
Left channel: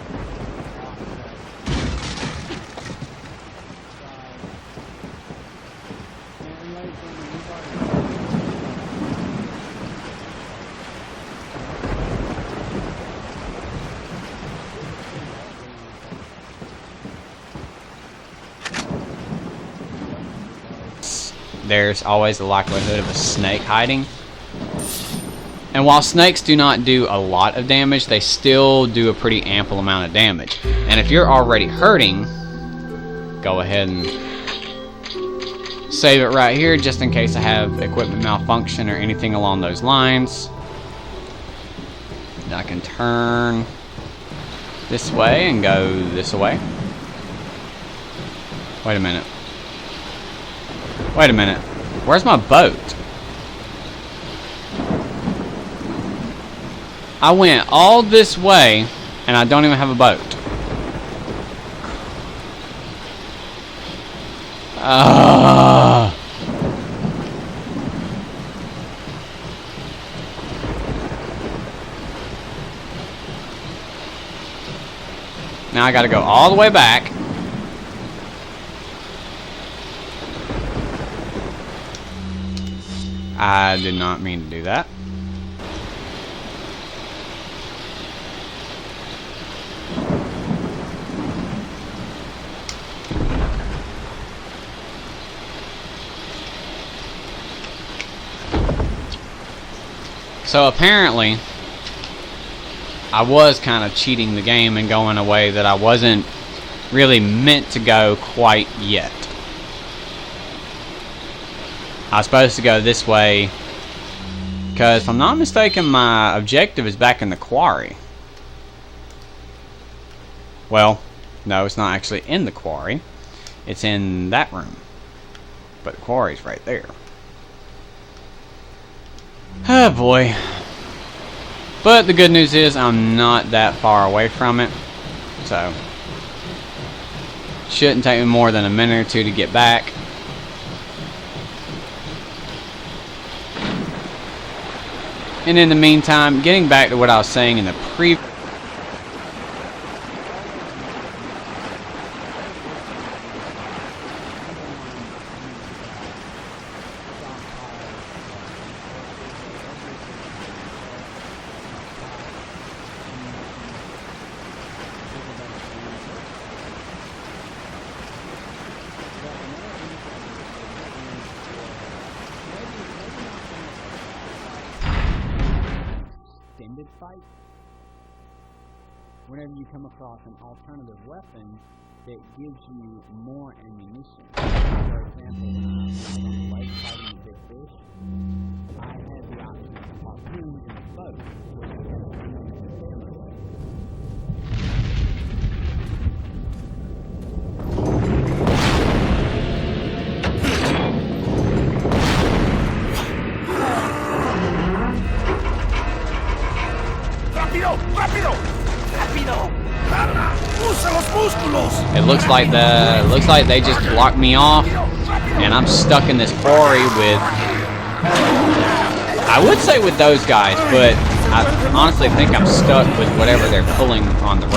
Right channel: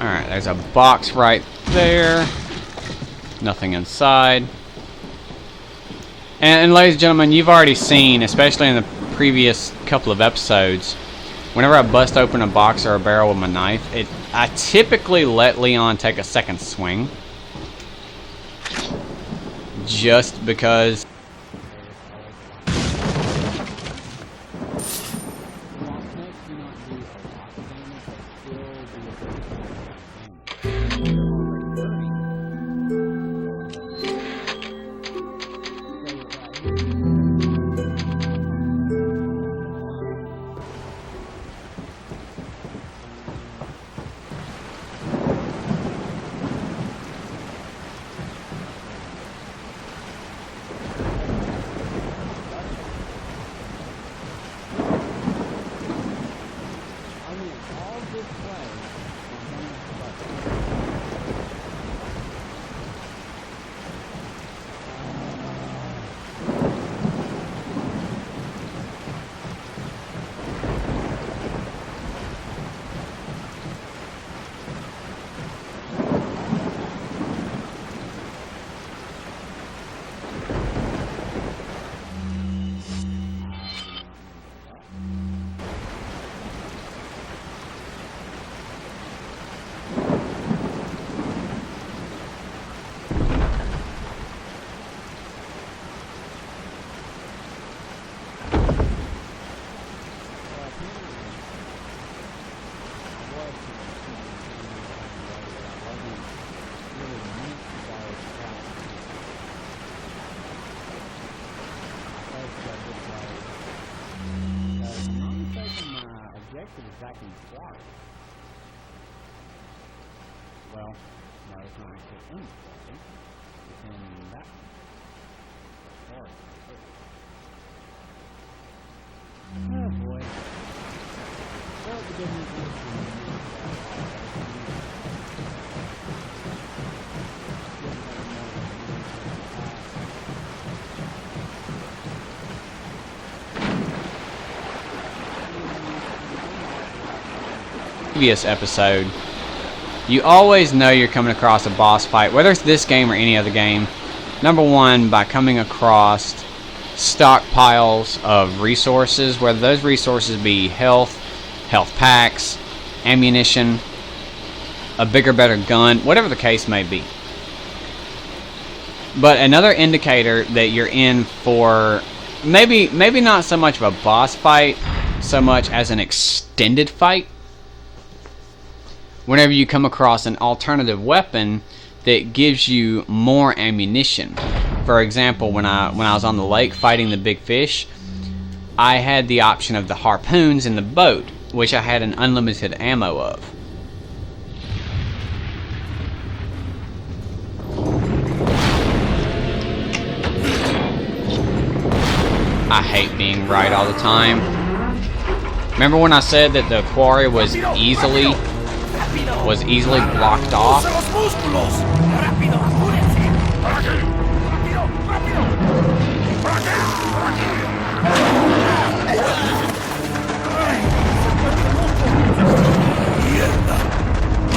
Alright, there's a box right there. Nothing inside. And ladies and gentlemen, you've already seen, especially in the previous couple of episodes, whenever I bust open a box or a barrel with my knife, I typically let Leon take a second swing. Just because there's always the likelihood of a snake hiding. And while snakes do not do a lot of damage, they still do a pretty ample amount of damage. And if you're already hurting, go ahead and save it right here just in case I have equipment malfunction or anything along those lines. I can turn this way and go this way. Wait a minute. Wait a minute. Where's my boat? I went all this way and I don't even have a boat. Now I gotta go all the way back. I did not mean to do that. So apparently, I was kind of cheating the game and going a way that I wasn't really meant to go quite yet. I was supposed to go this way because if I'm not mistaken, my objective is back in the quarry. Well, no, it's not actually in the quarry. It's in that room. But the quarry's right there. Oh boy. But the good news is I'm not that far away from it. So shouldn't take me more than a minute or two to get back. And in the meantime, getting back to what I was saying in the previous episode, you always know you're coming across a boss fight, whether it's this game or any other game. Number one, by coming across stockpiles of resources, whether those resources be health packs, ammunition, a bigger, better gun, whatever the case may be. But another indicator that you're in for maybe not so much of a boss fight, so much as an extended fight. Whenever you come across an alternative weapon that gives you more ammunition. For example, when I was on the lake fighting the big fish, I had the option of the harpoons in the boat, which I had an unlimited ammo of. I hate being right all the time. Remember when I said that the quarry was easily blocked off? It looks like they just blocked me off, and I'm stuck in this quarry with, I would say with those guys, but I honestly think I'm stuck with whatever they're pulling on the road.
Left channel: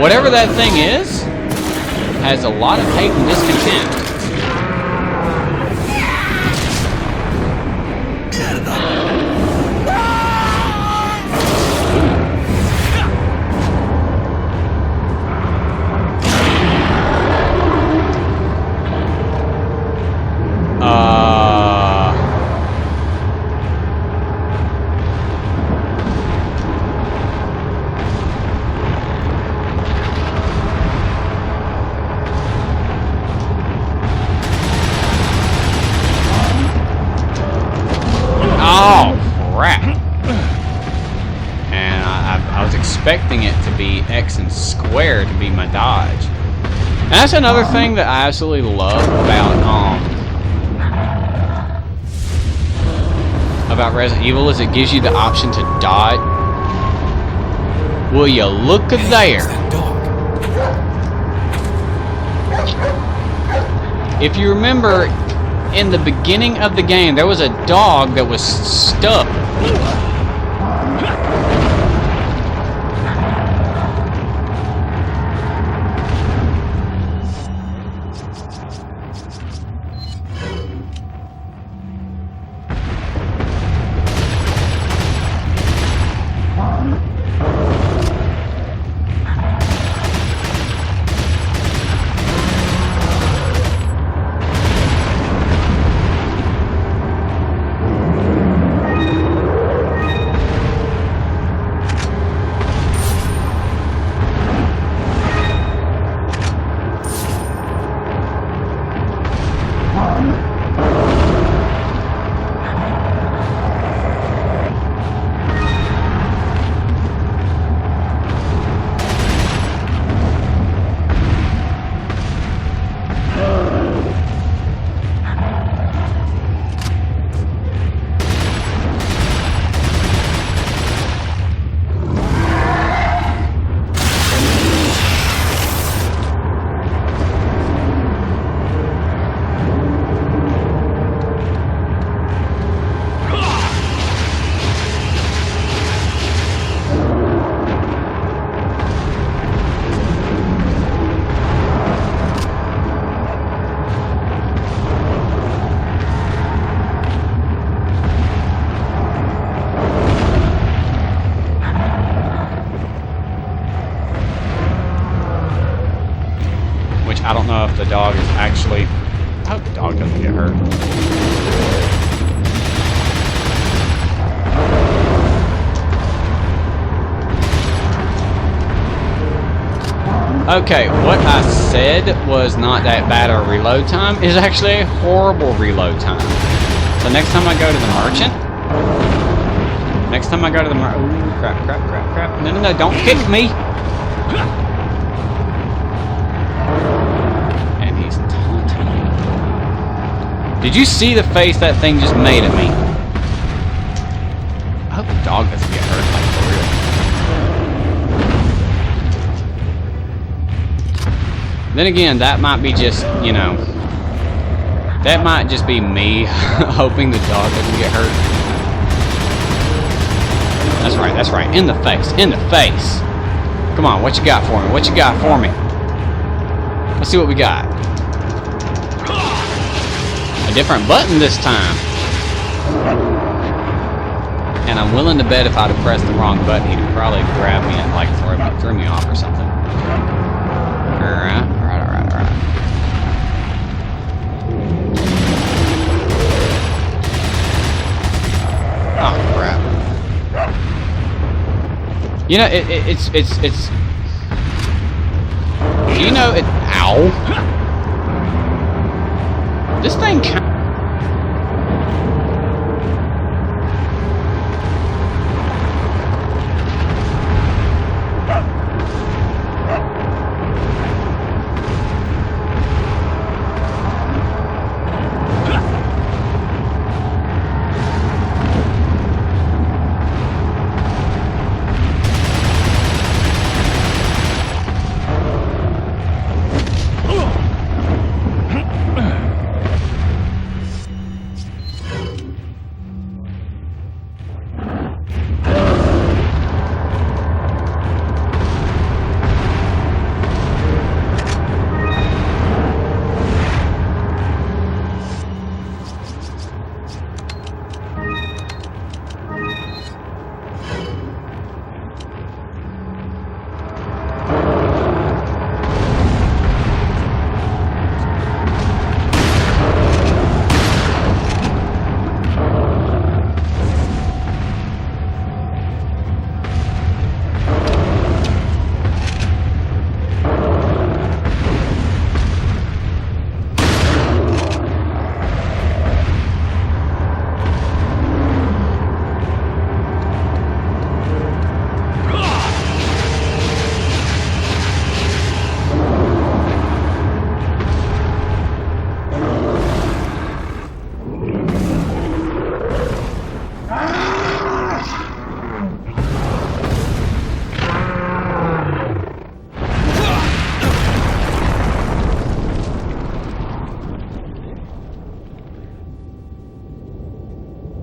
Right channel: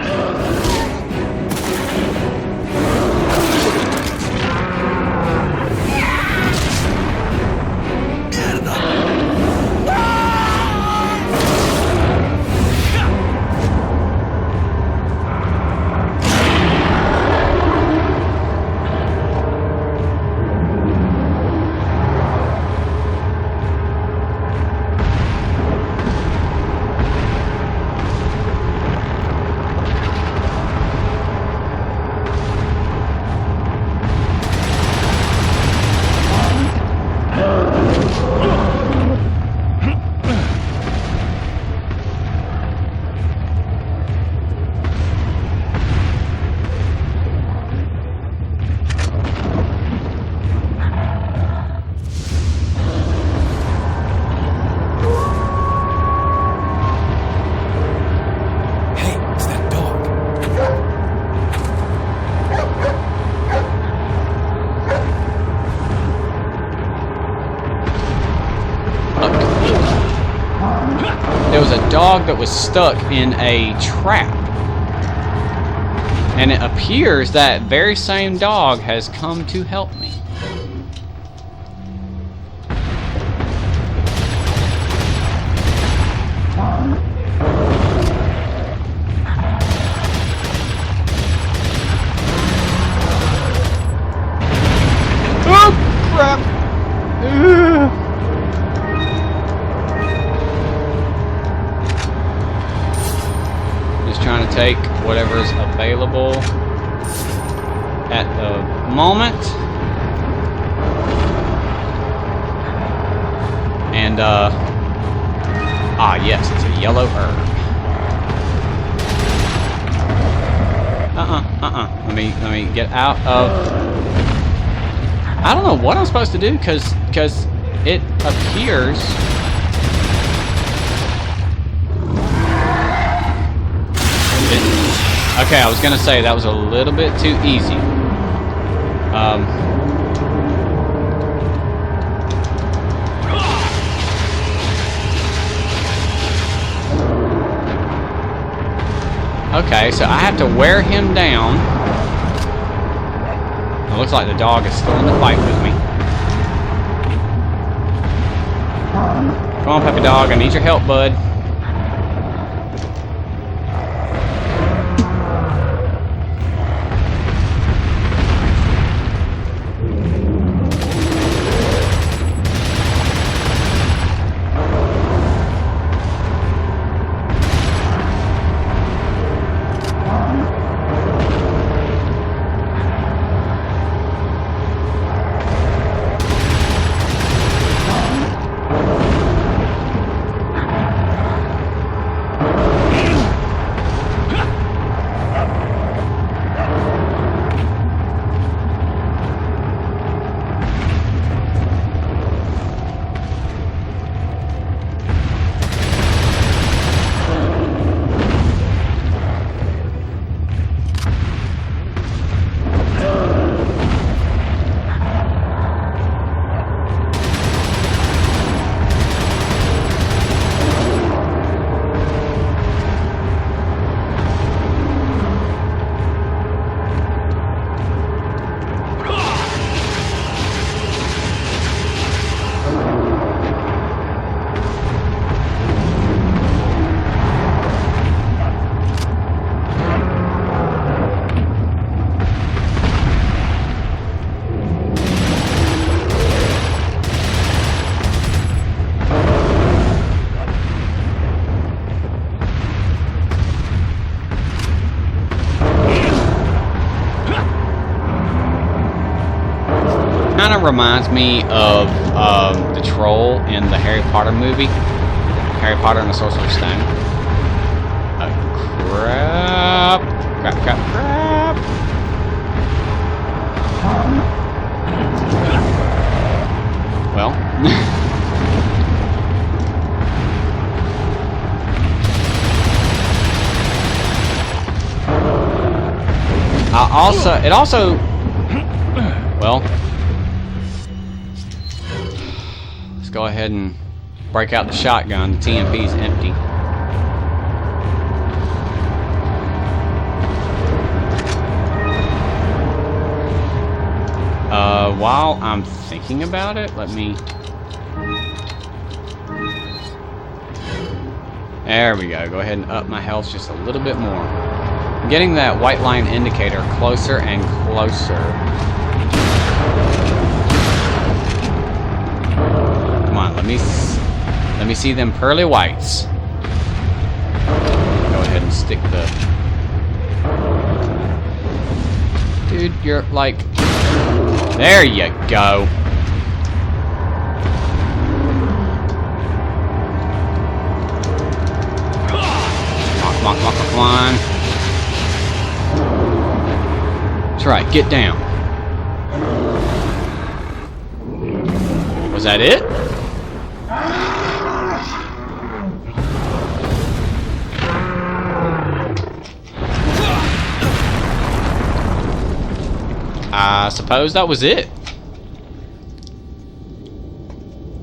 Whatever that thing is, has a lot of capabilities in it. expecting it to be X and squared to be my dodge. And that's another thing that I absolutely love about Resident Evil is it gives you the option to dodge. Will you look at there? It's that dog. If you remember, in the beginning of the game, there was a dog that was stuck. There was a dog that was stuck in a trap. And it appears that very same dog has come to help me. I don't know what I'm supposed to do because it appears. Okay, I was gonna say that was a little bit too easy. Okay, so I have to wear him down. It looks like the dog is still in the fight with me. Come on, puppy dog, I need your help, bud. Which I don't know if the dog is actually... I hope the dog doesn't get hurt. Okay, what I said was not that bad a reload time is actually a horrible reload time. So next time I go to the merchant, crap. No, don't hit me. And he's tiny. Did you see the face that thing just made at me? I hope the dog doesn't get hurt. Then again, that might be just, you know, that might just be me hoping the dog doesn't get hurt. That's right, in the face. Come on, what you got for me? Let's see what we got. A different button this time. And I'm willing to bet if I'd have pressed the wrong button, he'd probably grab me and like throw me off or something. You know, it's you know, ow. This thing kind of reminds me of the troll in the Harry Potter movie, Harry Potter and the Sorcerer's Stone. Crap. Well. It also, well, let's go ahead and break out the shotgun. The TMP's empty. While I'm thinking about it, let me... There we go. Go ahead and up my health just a little bit more. Getting that white line indicator closer and closer. Come on, let me see them pearly whites. Couldn't stick the... Dude, you're like... There you go. Get down. Was that it? I suppose that was it.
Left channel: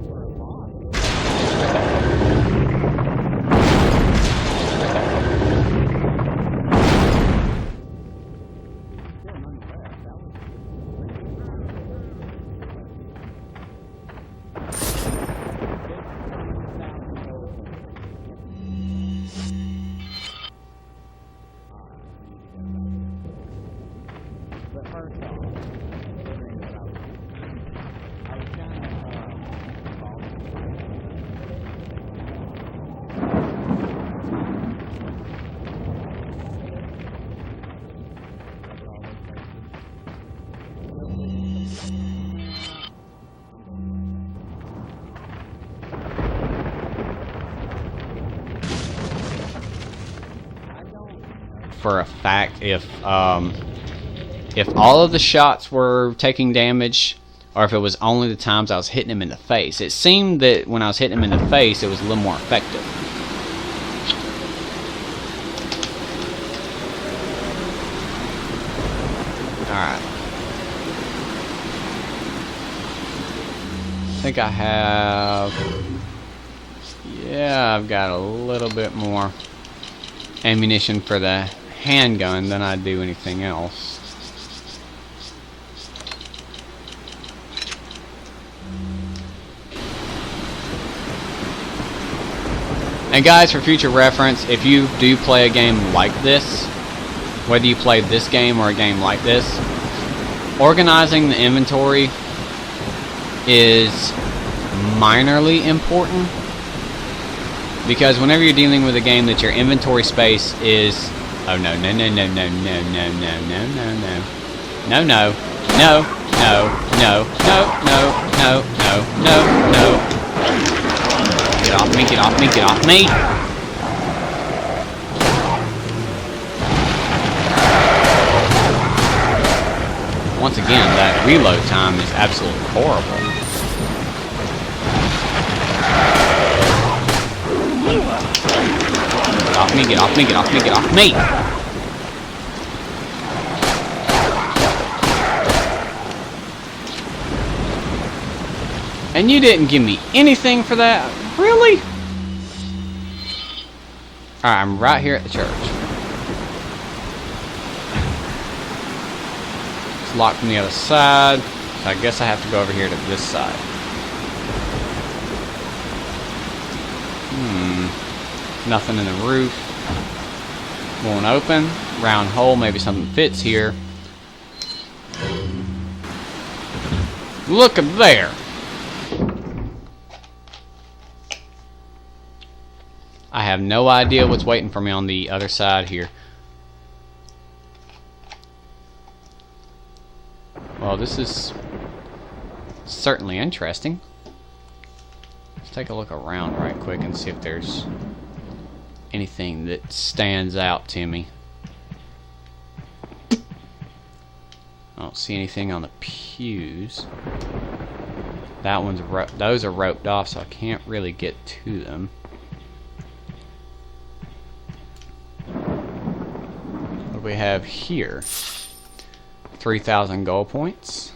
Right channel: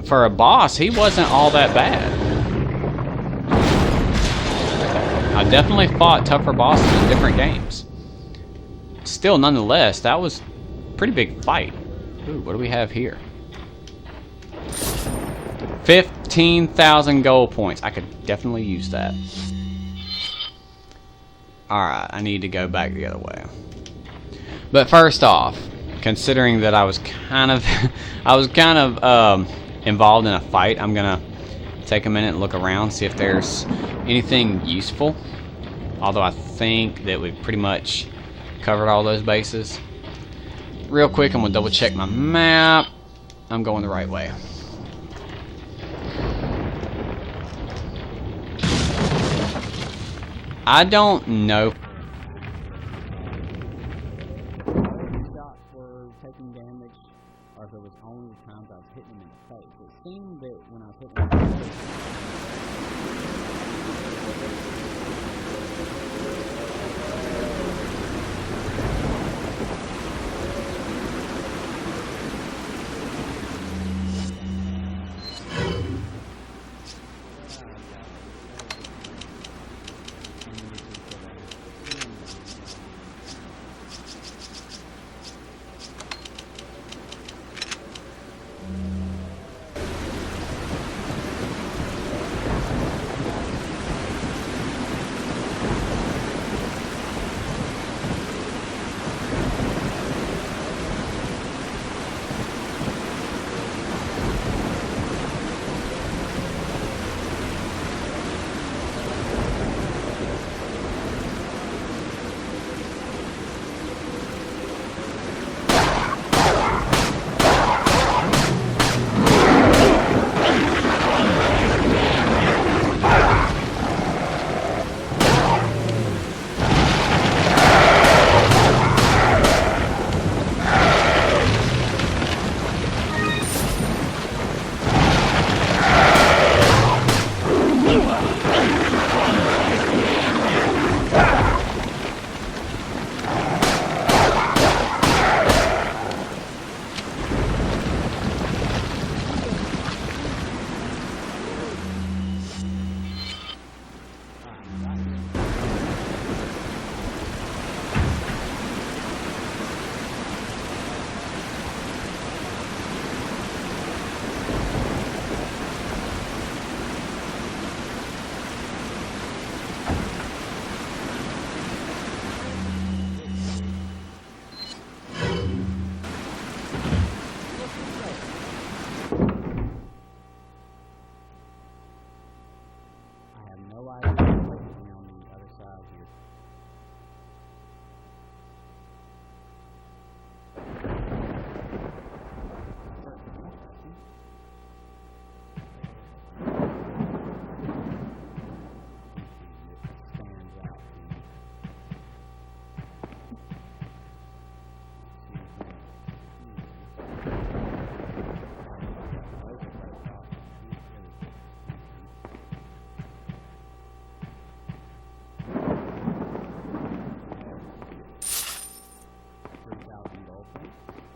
For a boss, he wasn't all that bad. I definitely fought tougher bosses in different games. Still, nonetheless, that was a pretty big fight. Ooh, what do we have here? 15,000 gold points. I could definitely use that. Alright, I need to go back the other way. But first off, considering that I was kind of involved in a fight, I'm gonna take a minute and look around, see if there's anything useful. Although I think that we've pretty much covered all those bases. Real quick, I'm gonna double check my map. I'm going the right way. I don't know for a fact if all of the shots were taking damage, or if it was only the times I was hitting him in the face. It seemed that when I was hitting him in the face, it was a little more effective. Alright. I think I have... Yeah, I've got a little bit more ammunition for the handgun than I do anything else. And guys, for future reference, if you do play a game like this, whether you play this game or a game like this, organizing the inventory is minorly important, because whenever you're dealing with a game that your inventory space is... Oh no, no, no, no, no, no, no, no, no, no, no. No, no, no, no, no, no, no, no, no, no. Get off me, get off me, get off me. Once again, that reload time is absolutely horrible. Get off me, get off me, get off me, get off me! And you didn't give me anything for that? Really? Alright, I'm right here at the church. It's locked from the other side. So I guess I have to go over here to this side. Nothing in the roof. Won't open. Round hole, maybe something fits here. Look at there! I have no idea what's waiting for me on the other side here. Well, this is certainly interesting. Let's take a look around right quick and see if there's anything that stands out to me. I don't see anything on the pews. That one's those are roped off, so I can't really get to them. What do we have here? 3,000 gold points.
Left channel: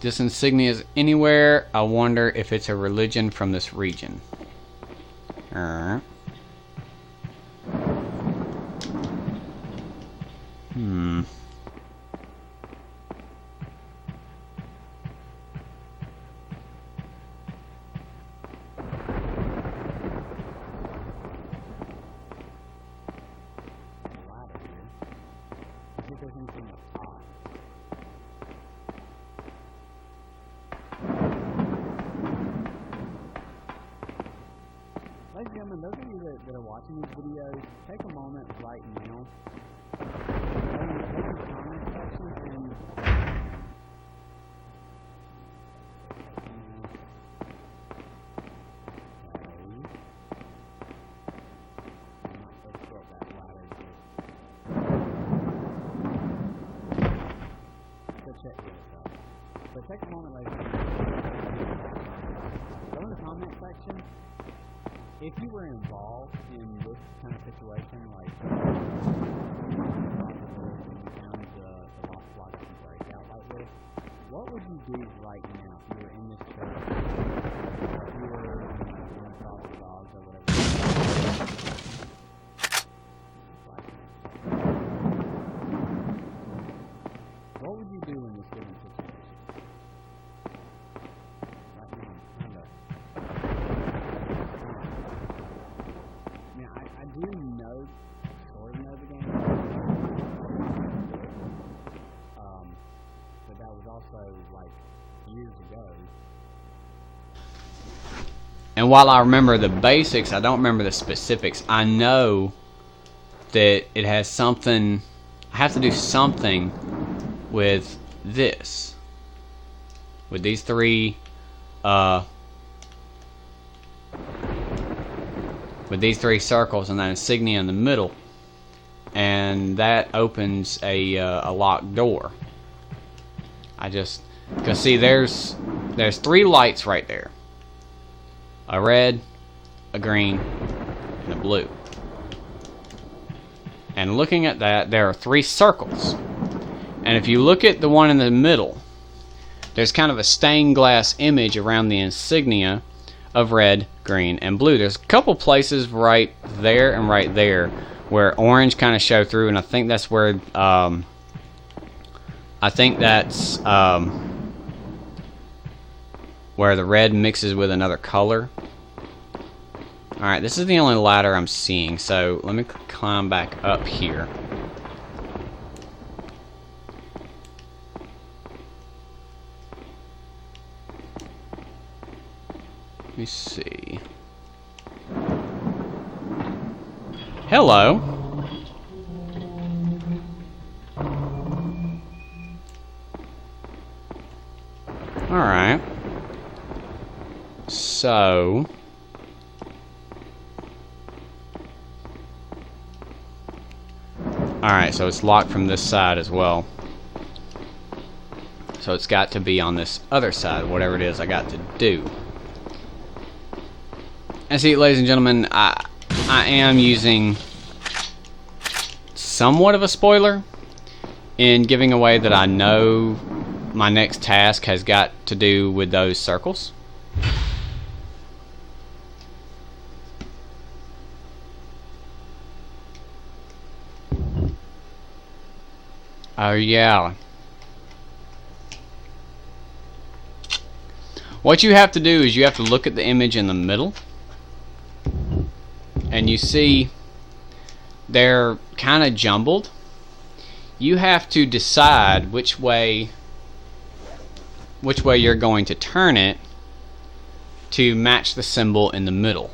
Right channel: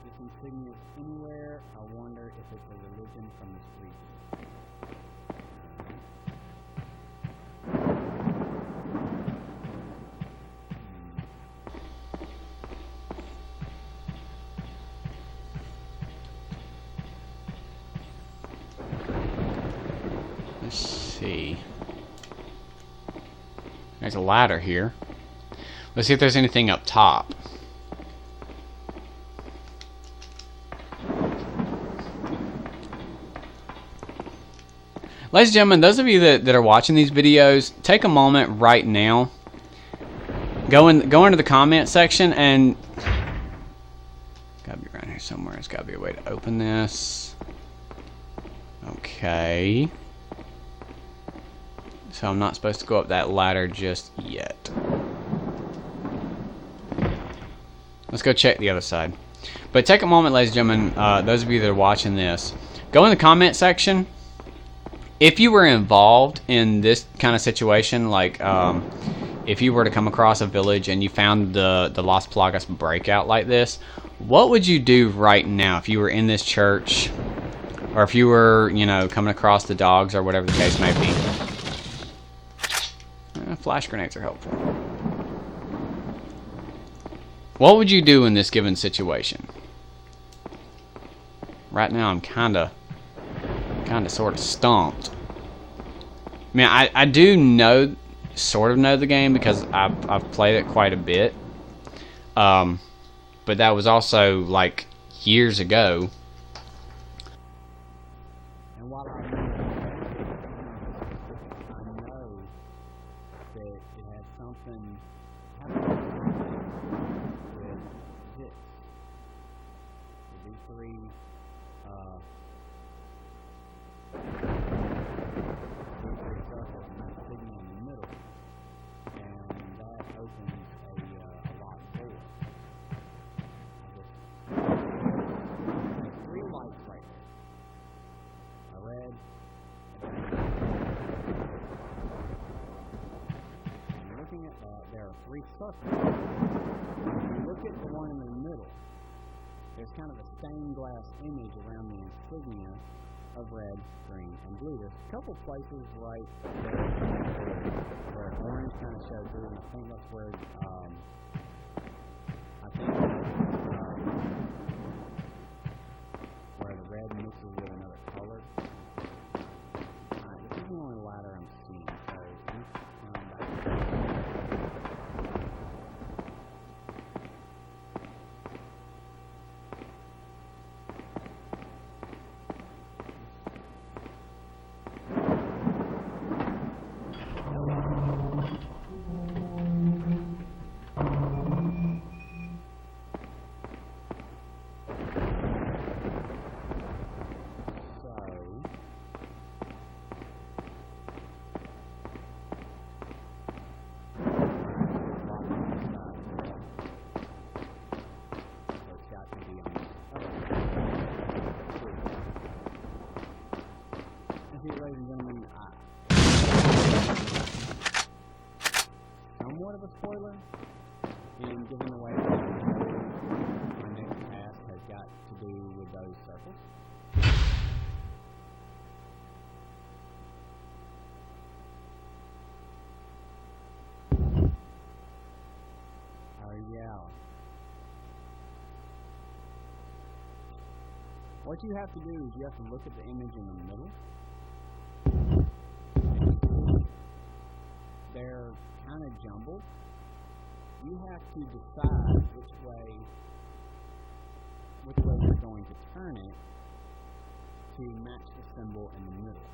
This insignia is anywhere. I wonder if it's a religion from this region. Let's see. There's a ladder here. Let's see if there's anything up top. Ladies and gentlemen, those of you that are watching these videos, take a moment right now. Go into the comment section and... Gotta be around here somewhere. There's gotta be a way to open this. Okay. Okay. So I'm not supposed to go up that ladder just yet. Let's go check the other side. But take a moment, ladies and gentlemen, those of you that are watching this, go in the comment section. If you were involved in this kind of situation, like if you were to come across a village and you found the Las Plagas breakout like this, what would you do right now if you were in this church, or if you were, you know, coming across the dogs or whatever the case may be? Flash grenades are helpful. What would you do in this given situation? Right now I'm kinda sort of stumped. I mean, I do sort of know the game because I've played it quite a bit. But that was also like years ago. And while I remember the basics, I don't remember the specifics. I know that it has something, I have to do something with this. With these three, circles and that insignia in the middle. And that opens a locked door. Because see, there's 3 lights right there. A red, a green, and a blue. And looking at that, there are 3 circles. And if you look at the one in the middle, there's kind of a stained glass image around the insignia of red, green, and blue. There's a couple places right there and right there where orange kind of show through, and I think that's where where the red mixes with another color. Alright, this is the only ladder I'm seeing, so let me climb back up here. Let me see. Hello. Alright. So... Alright, so it's locked from this side as well. So it's got to be on this other side, whatever it is I got to do. And see, ladies and gentlemen, I am using somewhat of a spoiler in giving away that I know my next task has got to do with those circles. Oh yeah. What you have to do is you have to look at the image in the middle, and you see they're kind of jumbled. You have to decide which way you're going to turn it to match the symbol in the middle.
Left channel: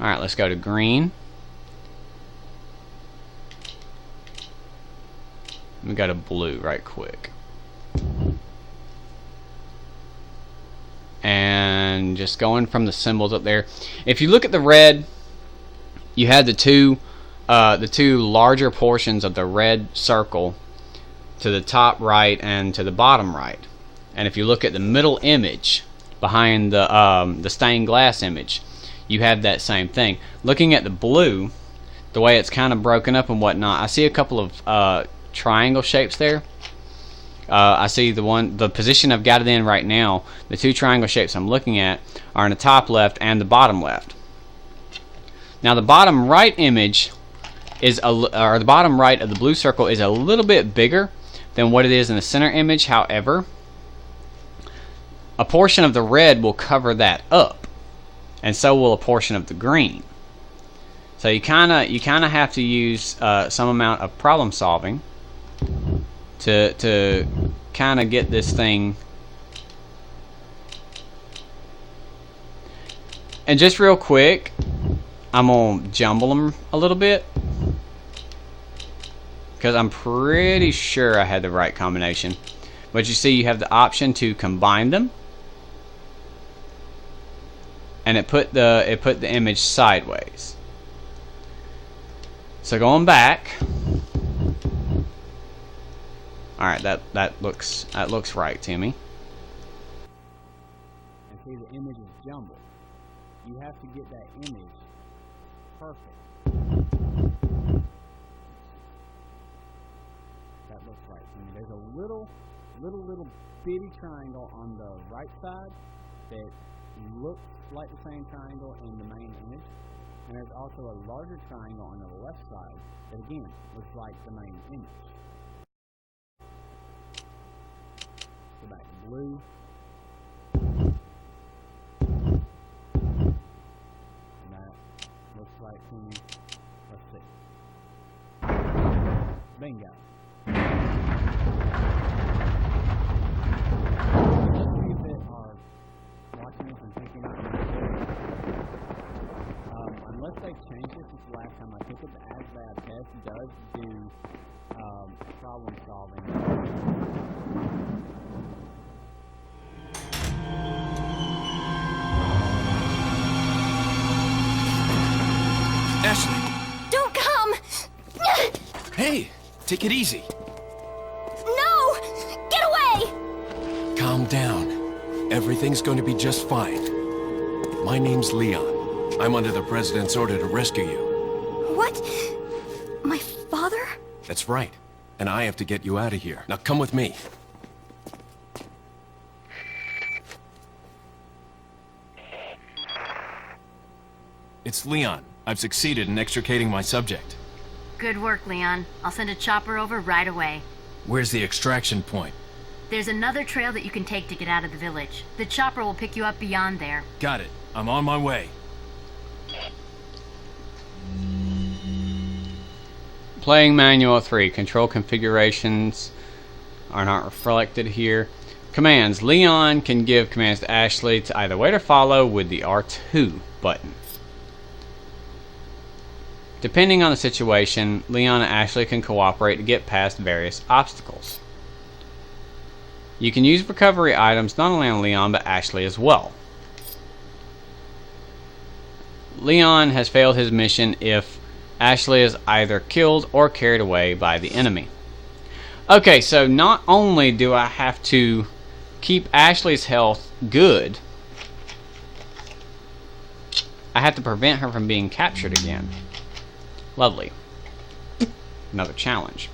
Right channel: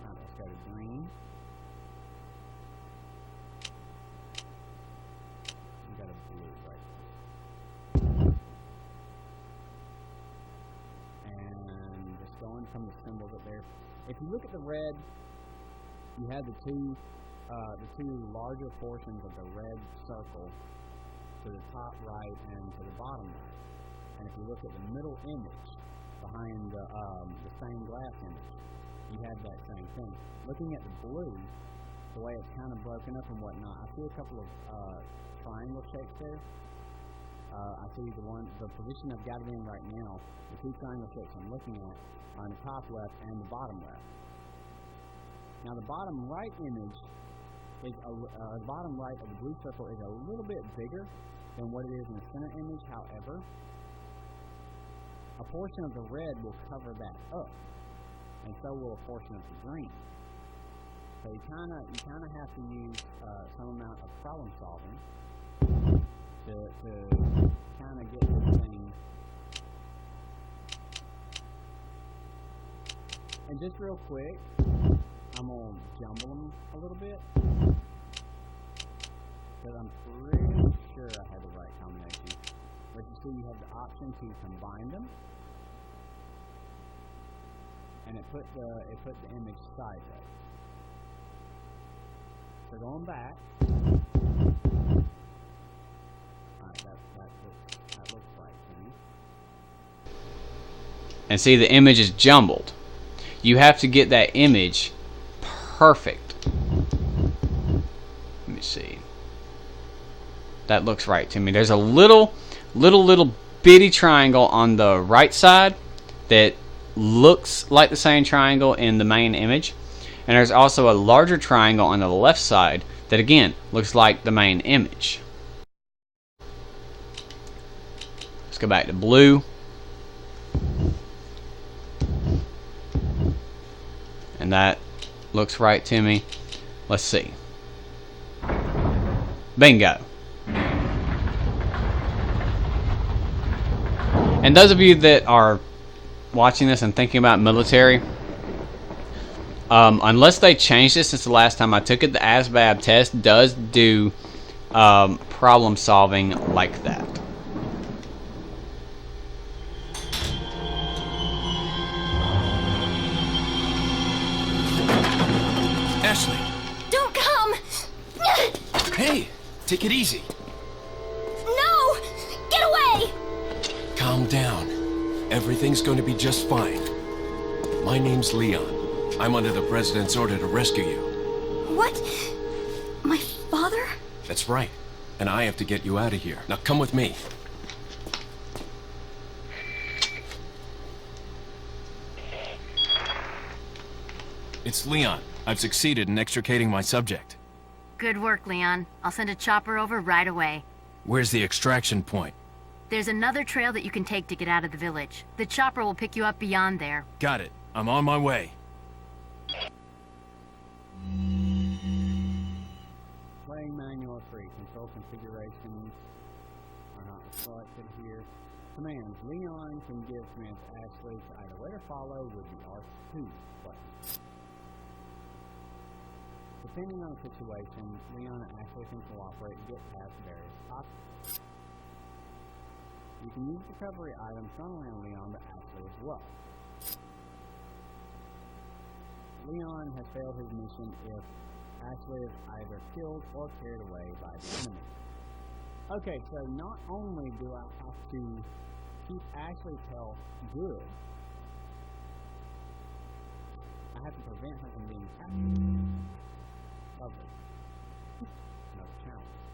Alright, let's go to green. We got a blue right quick. And just going from the symbols up there. If you look at the red, you had the two larger portions of the red circle to the top right and to the bottom right. And if you look at the middle image behind the stained glass image, you have that same thing. Looking at the blue, the way it's kind of broken up and whatnot, I see a couple of triangle shapes there. I see the position I've got it in right now. The 2 triangle shapes I'm looking at are in the top left and the bottom left. Now the bottom right image is the bottom right of the blue circle is a little bit bigger than what it is in the center image. However, a portion of the red will cover that up, and so will a portion of the green. So you kind of have to use some amount of problem solving to kind of get this thing. And just real quick, I'm gonna jumble them a little bit because I'm pretty sure I had the right combination. But you see, you have the option to combine them, and it put the image sideways. So going back, all right, that looks right to me. And see, the image is jumbled. You have to get that image perfect. Let me see. That looks right to me. There's a little bitty triangle on the right side that looks like the same triangle in the main image. And there's also a larger triangle on the left side that again looks like the main image. Let's go back to blue. And that looks right to me. Let's see. Bingo. And those of you that are watching this and thinking about military, unless they changed it since the last time I took it, the ASVAB test does do problem solving like that. Ashley! Don't come! Hey! Take it easy. No! Get away! Calm down. Everything's going to be just fine. My name's Leon. I'm under the President's order to rescue you. What? My father? That's right. And I have to get you out of here. Now come with me. It's Leon. I've succeeded in extricating my subject. Good work, Leon. I'll send a chopper over right away. Where's the extraction point? There's another trail that you can take to get out of the village. The chopper will pick you up beyond there. Got it. I'm on my way. Playing manual 3. Control configurations are not reflected here. Commands. Leon can give commands to Ashley to either wait or follow with the R2 button. Depending on the situation, Leon and Ashley can cooperate to get past various obstacles. You can use recovery items not only on Leon but Ashley as well. Leon has failed his mission if Ashley is either killed or carried away by the enemy. Okay, so not only do I have to keep Ashley's health good, I have to prevent her from being captured again. Lovely. Another challenge.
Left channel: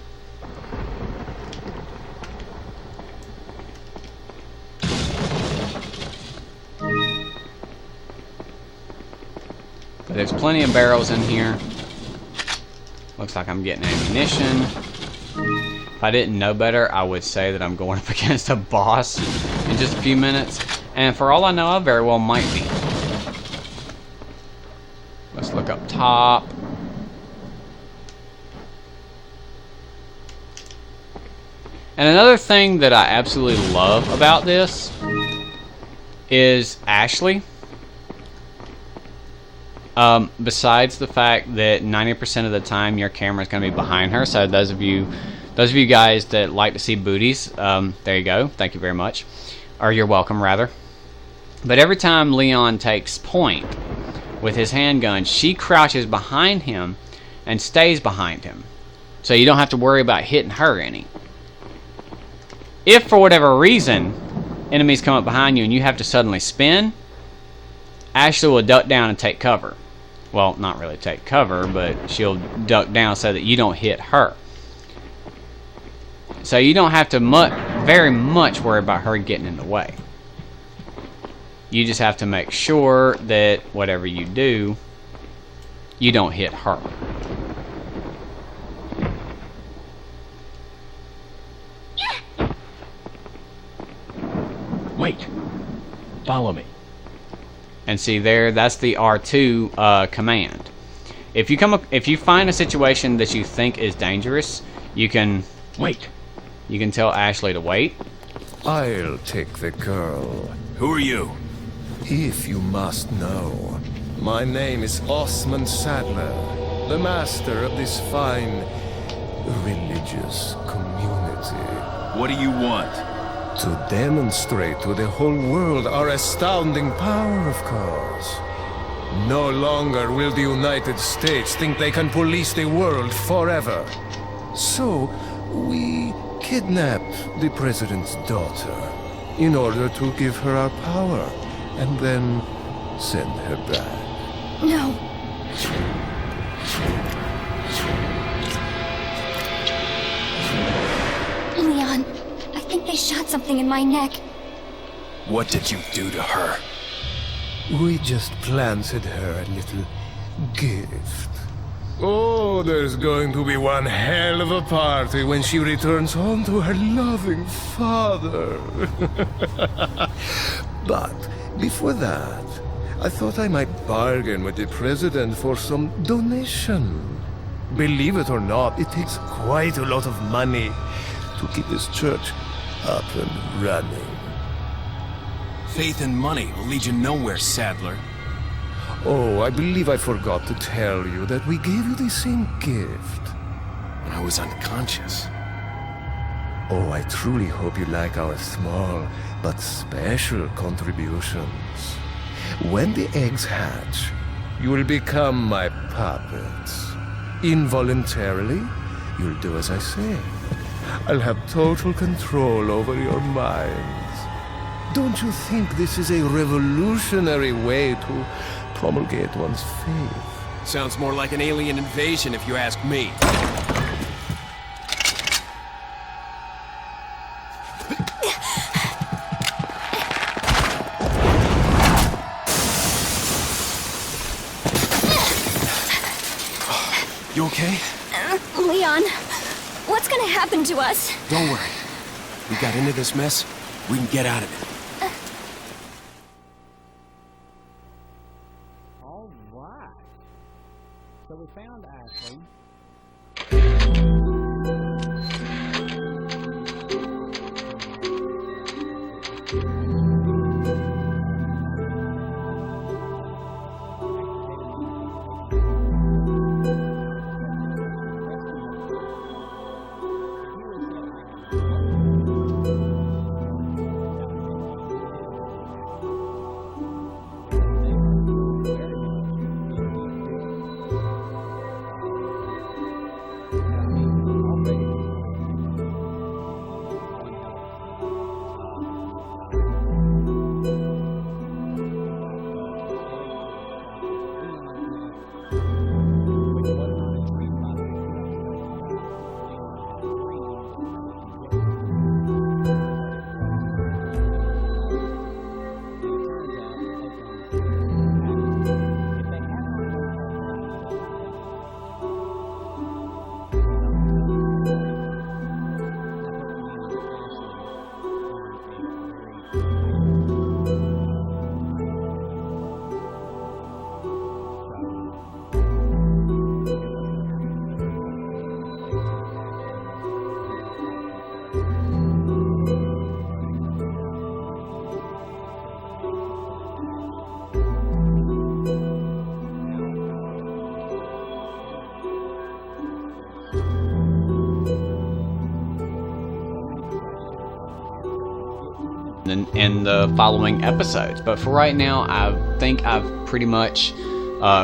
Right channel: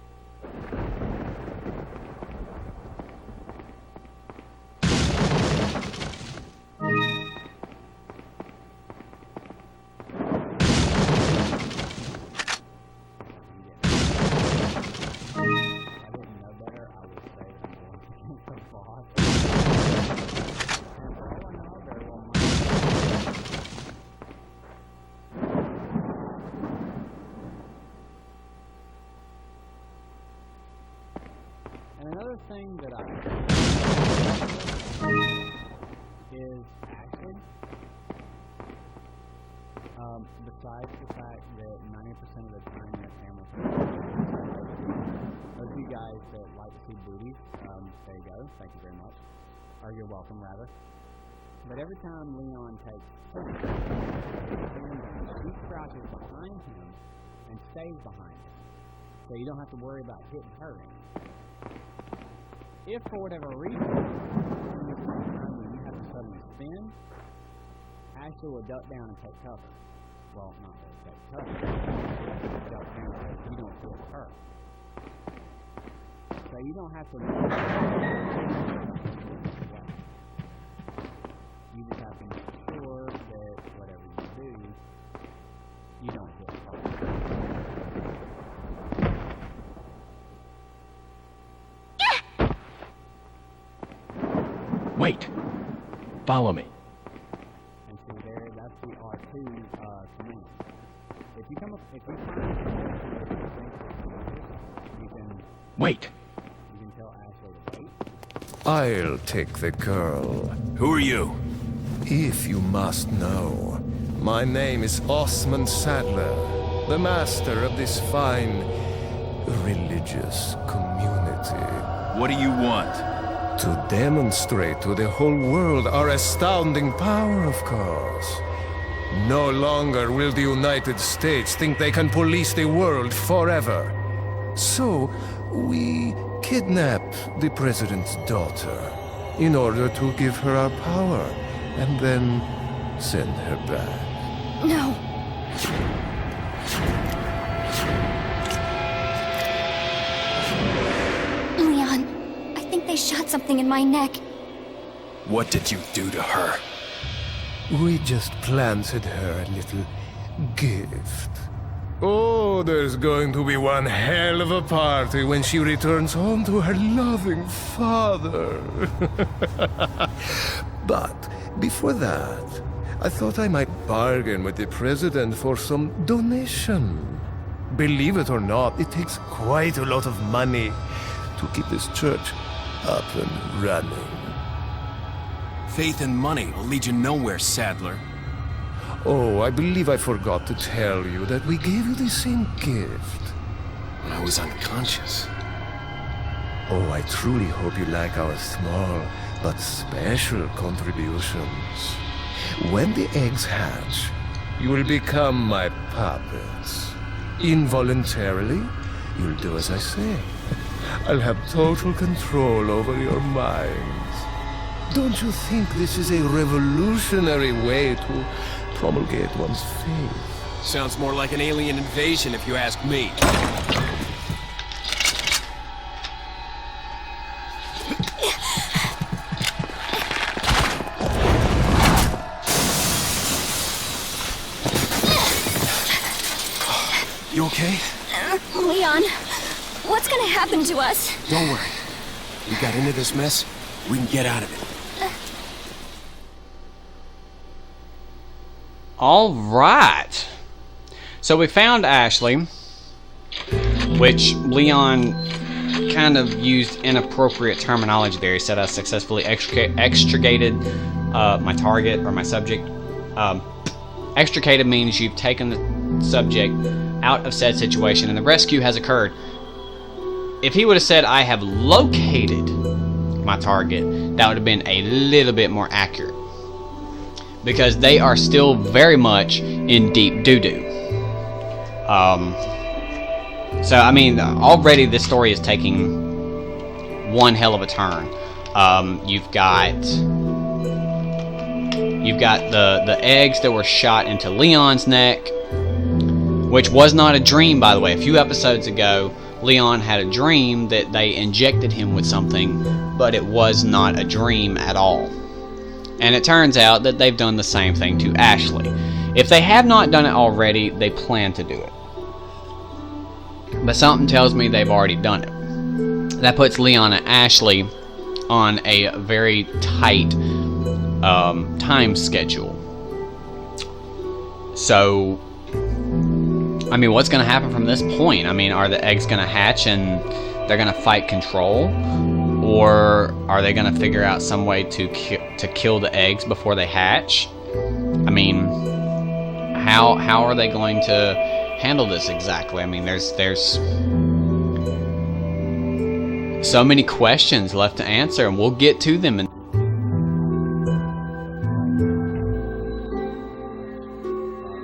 There's plenty of barrels in here. Looks like I'm getting ammunition. If I didn't know better, I would say that I'm going up against a boss in just a few minutes. And for all I know, I very well might be. Let's look up top. And another thing that I absolutely love about this is Ashley. Besides the fact that 90% of the time your camera is going to be behind her, so those of you guys that like to see booties, there you go. Thank you very much, or you're welcome rather. But every time Leon takes point with his handgun, she crouches behind him and stays behind him, so you don't have to worry about hitting her any. If for whatever reason enemies come up behind you and you have to suddenly spin, Ashley will duck down and take cover. Well, not really take cover, but she'll duck down so that you don't hit her. So you don't have to very much worry about her getting in the way. You just have to make sure that whatever you do, you don't hit her. Wait. Follow me. And see there, that's the R2 command. If you find a situation that you think is dangerous, you can Wait. You can tell Ashley to wait. I'll take the girl. Who are you? If you must know, my name is Osman Sadler, the master of this fine religious community. What do you want? To demonstrate to the whole world our astounding power, of course. No longer will the United States think they can police the world forever. So, we kidnapped the president's daughter in order to give her our power and then send her back. No. Leon, I think they shot something in my neck. What did you do to her? We just planted her a little gift. Oh, there's going to be one hell of a party when she returns home to her loving father. But before that, I thought I might bargain with the president for some donation. Believe it or not, it takes quite a lot of money to keep this church up and running. Faith and money will lead you nowhere, Sadler. Oh, I believe I forgot to tell you that we gave you the same gift. When I was unconscious. Oh, I truly hope you like our small but special contributions. When the eggs hatch, you will become my puppets. Involuntarily, you'll do as I say. I'll have total control over your minds. Don't you think this is a revolutionary way to promulgate one's faith? Sounds more like an alien invasion if you ask me. You okay? Leon, what's gonna happen to us? Don't worry. We got into this mess, we can get out of it. All right. So we found Ashley, which Leon kind of used inappropriate terminology there. He said I successfully extricated my target or my subject. Extricated means you've taken the subject out of said situation and the rescue has occurred. If he would have said I have located my target, that would have been a little bit more accurate. Because they are still very much in deep doo-doo. So, I mean, already this story is taking one hell of a turn. You've got the eggs that were shot into Leon's neck, which was not a dream, by the way. A few episodes ago, Leon had a dream that they injected him with something, but it was not a dream at all. And it turns out that they've done the same thing to Ashley. If they have not done it already, they plan to do it. But something tells me they've already done it. That puts Leon and Ashley on a very tight time schedule. So, I mean, what's going to happen from this point? I mean, are the eggs going to hatch and they're going to fight control? Or are they going to figure out some way to kill the eggs before they hatch? I mean, how are they going to handle this exactly? I mean, there's so many questions left to answer, and we'll get to them in the following episodes. But for right now, I think I've pretty much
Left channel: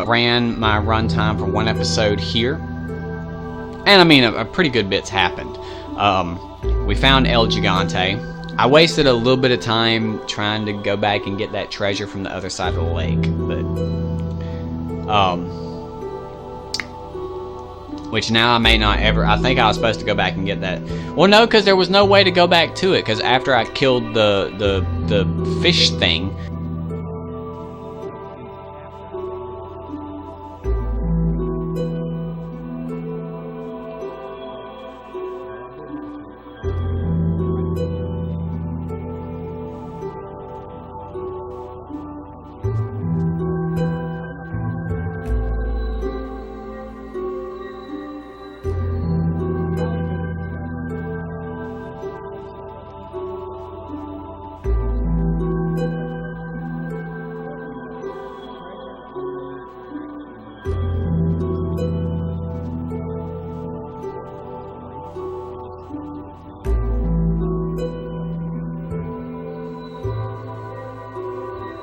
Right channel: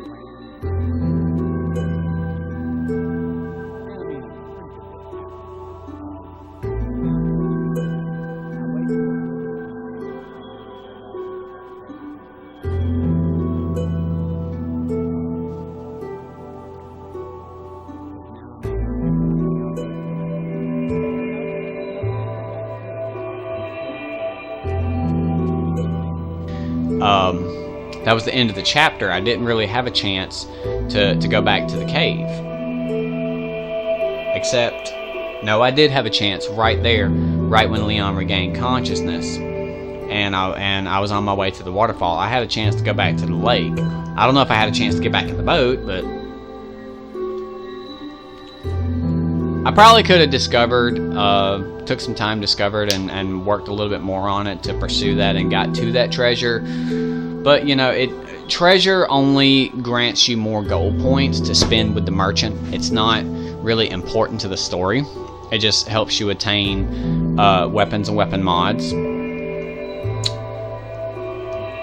ran my runtime for one episode here. And I mean, a pretty good bit's happened. We found El Gigante. I wasted a little bit of time trying to go back and get that treasure from the other side of the lake, but which now I may not ever. I think I was supposed to go back and get that. Well, no, because there was no way to go back to it. Because after I killed the fish thing, that was the end of the chapter. I didn't really have a chance to go back to the cave. Except, no, I did have a chance right there, right when Leon regained consciousness, and I was on my way to the waterfall. I had a chance to go back to the lake. I don't know if I had a chance to get back in the boat, but I probably could have discovered, took some time, discovered, and worked a little bit more on it to pursue that and got to that treasure. But, you know, treasure only grants you more gold points to spend with the merchant. It's not really important to the story. It just helps you attain weapons and weapon mods.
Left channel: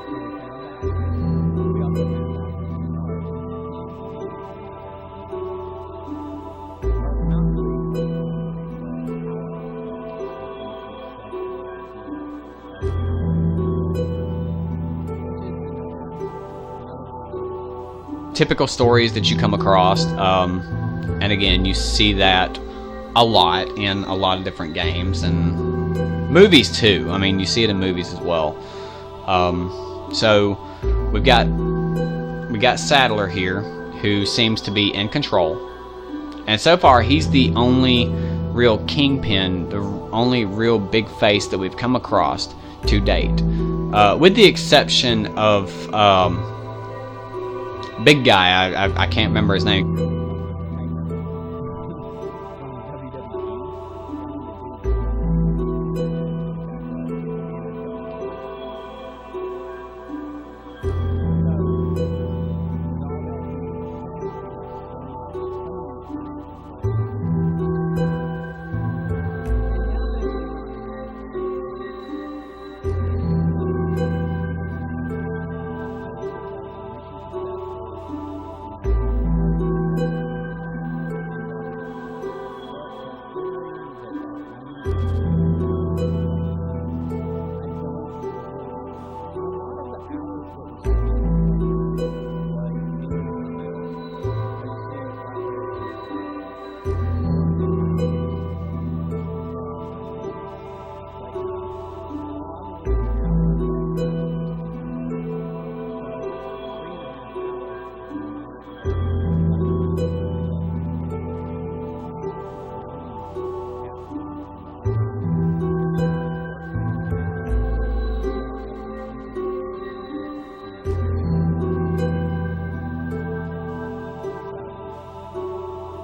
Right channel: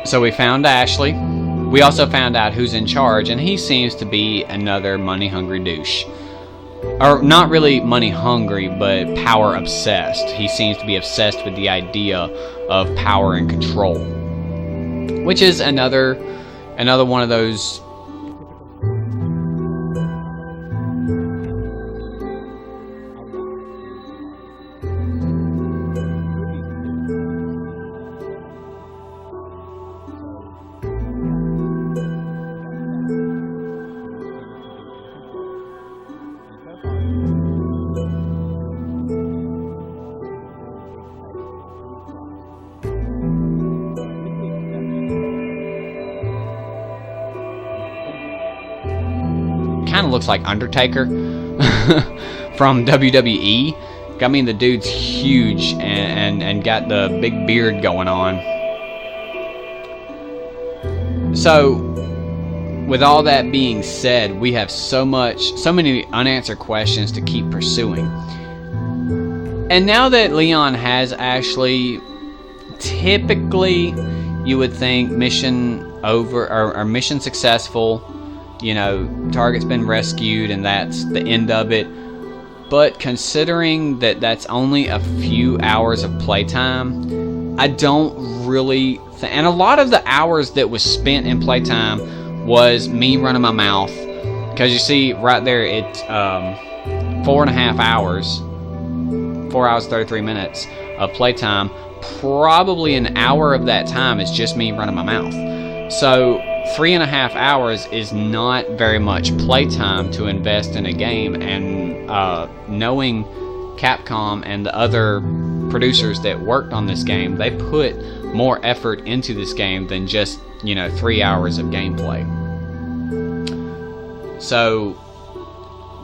So we found Ashley. We also found out who's in charge, and he seems to be another money-hungry douche. Or not really money-hungry, but power-obsessed. He seems to be obsessed with the idea of power and control, which is another one of those typical stories that you come across. And again, you see that a lot in a lot of different games and movies too. I mean, you see it in movies as well. So we got Sadler here, who seems to be in control, and so far he's the only real kingpin, the only real big face that we've come across to date, with the exception of big guy. I can't remember his name. Kind of looks like Undertaker from WWE. I mean, the dude's huge and got the big beard going on. So, with all that being said, we have so many unanswered questions to keep pursuing. And now that Leon has Ashley, typically you would think mission over, or mission successful, you know, target's been rescued and that's the end of it. But considering that that's only a few hours of playtime, I don't really and a lot of the hours that was spent in playtime was me running my mouth, because you see right there it's 4.5 hours, 4 hours 33 minutes of playtime. Probably an hour of that time is just me running my mouth. So 3.5 hours is not very much playtime to invest in a game, and knowing Capcom and the other producers that worked on this game, they put more effort into this game than just, 3 hours of gameplay. So,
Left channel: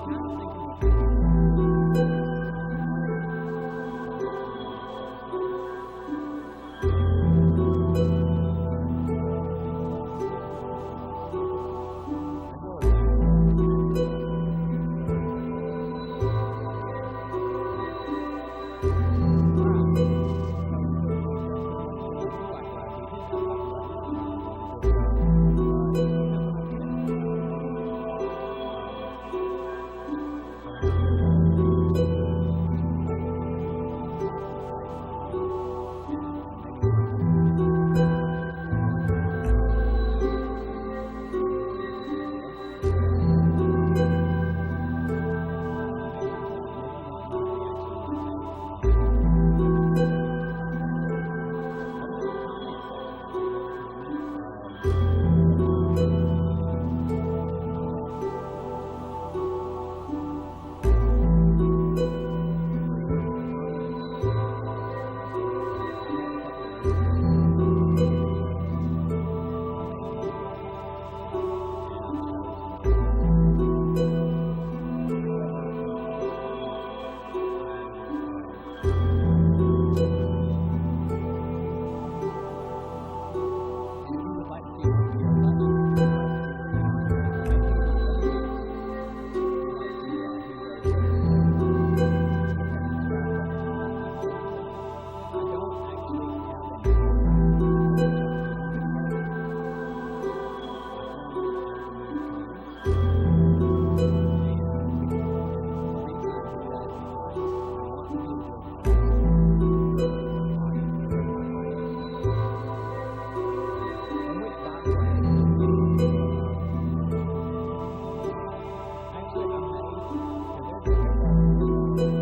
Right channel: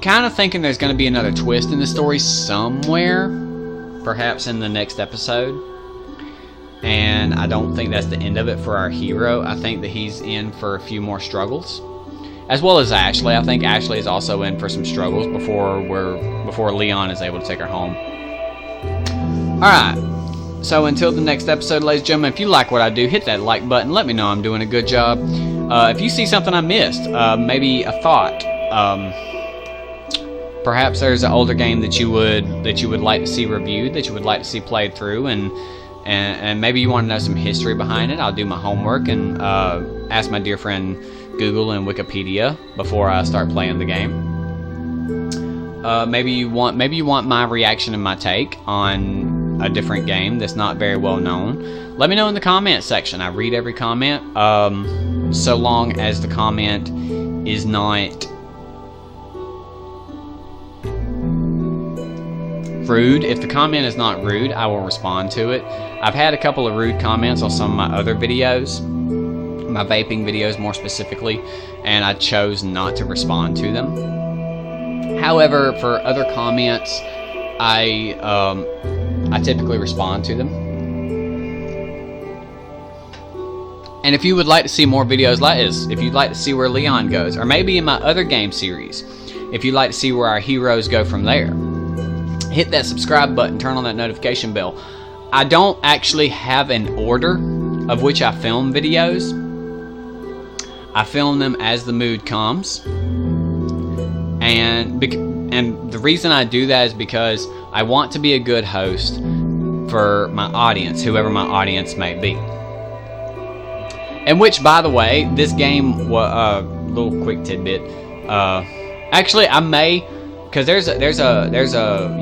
kind of thinking there's going to be another twist in the story somewhere, perhaps in the next episode. And I don't think that's the end of it for our hero. I think that he's in for a few more struggles, as well as Ashley. I think Ashley is also in for some struggles before Leon is able to take her home. Alright, so until the next episode, ladies and gentlemen, if you like what I do, hit that like button. Let me know I'm doing a good job. If you see something I missed, maybe a thought, perhaps there's an older game that you would like to see reviewed, that you would like to see played through, and maybe you want to know some history behind it, I'll do my homework and ask my dear friend Google and Wikipedia before I start playing the game. Maybe you want my reaction and my take on a different game that's not very well known. Let me know in the comment section. I read every comment, so long as the comment is not rude. If the comment is not rude, I will respond to it. I've had a couple of rude comments on some of my other videos, my vaping videos more specifically, and I chose not to respond to them. However, for other comments, I typically respond to them. And if you would like to see more videos like this, if you'd like to see where Leon goes, or maybe in my other game series, if you'd like to see where our heroes go from there, hit that subscribe button, turn on that notification bell. I don't actually have an order of which I film videos. I film them as the mood comes. And the reason I do that is because I want to be a good host for my audience, whoever my audience may be. And which, by the way, this game, little quick tidbit. Actually, I may, because there's a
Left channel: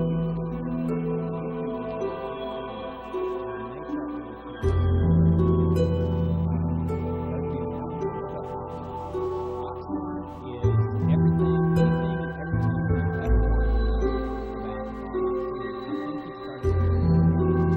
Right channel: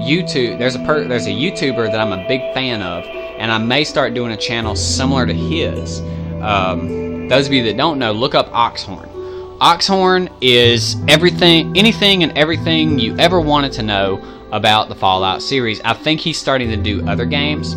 YouTuber that I'm a big fan of, and I may start doing a channel similar to his. Those of you that don't know, look up Oxhorn. Oxhorn is anything and everything you ever wanted to know about the Fallout series. I think he's starting to do other games.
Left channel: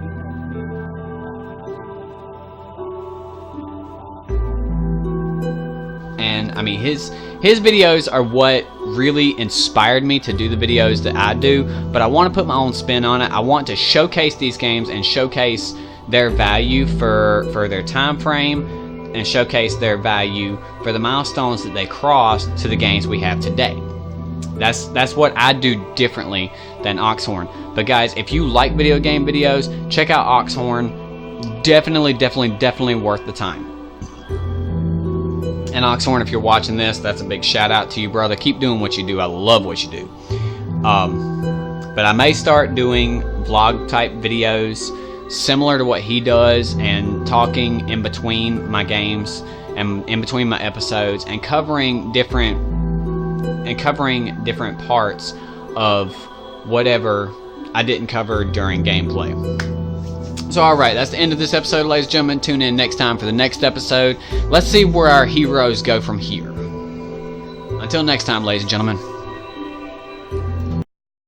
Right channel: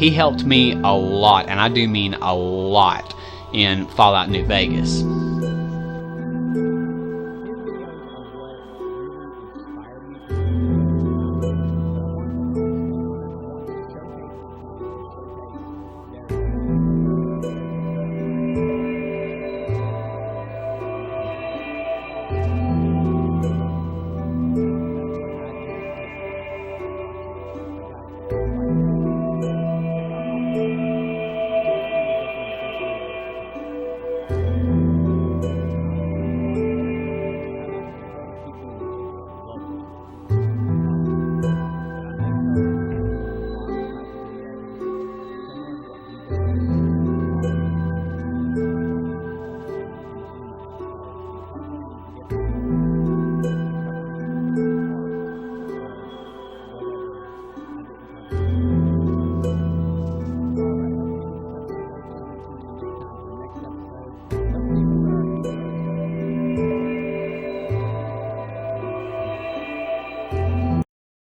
He helped me a lot, and I do mean a lot, in Fallout New Vegas. And I mean, his videos are what really inspired me to do the videos that I do, but I want to put my own spin on it. I want to showcase these games and showcase their value for their time frame, and showcase their value for the milestones that they crossed to the games we have today. That's what I do differently than Oxhorn. But guys, if you like video game videos, check out Oxhorn. Definitely worth the time. And Oxhorn, if you're watching this, that's a big shout out to you, brother. Keep doing what you do. I love what you do. But I may start doing vlog type videos similar to what he does, and talking in between my games and in between my episodes, and covering different parts of whatever I didn't cover during gameplay. So alright, that's the end of this episode, ladies and gentlemen. Tune in next time for the next episode. Let's see where our heroes go from here. Until next time, ladies and gentlemen.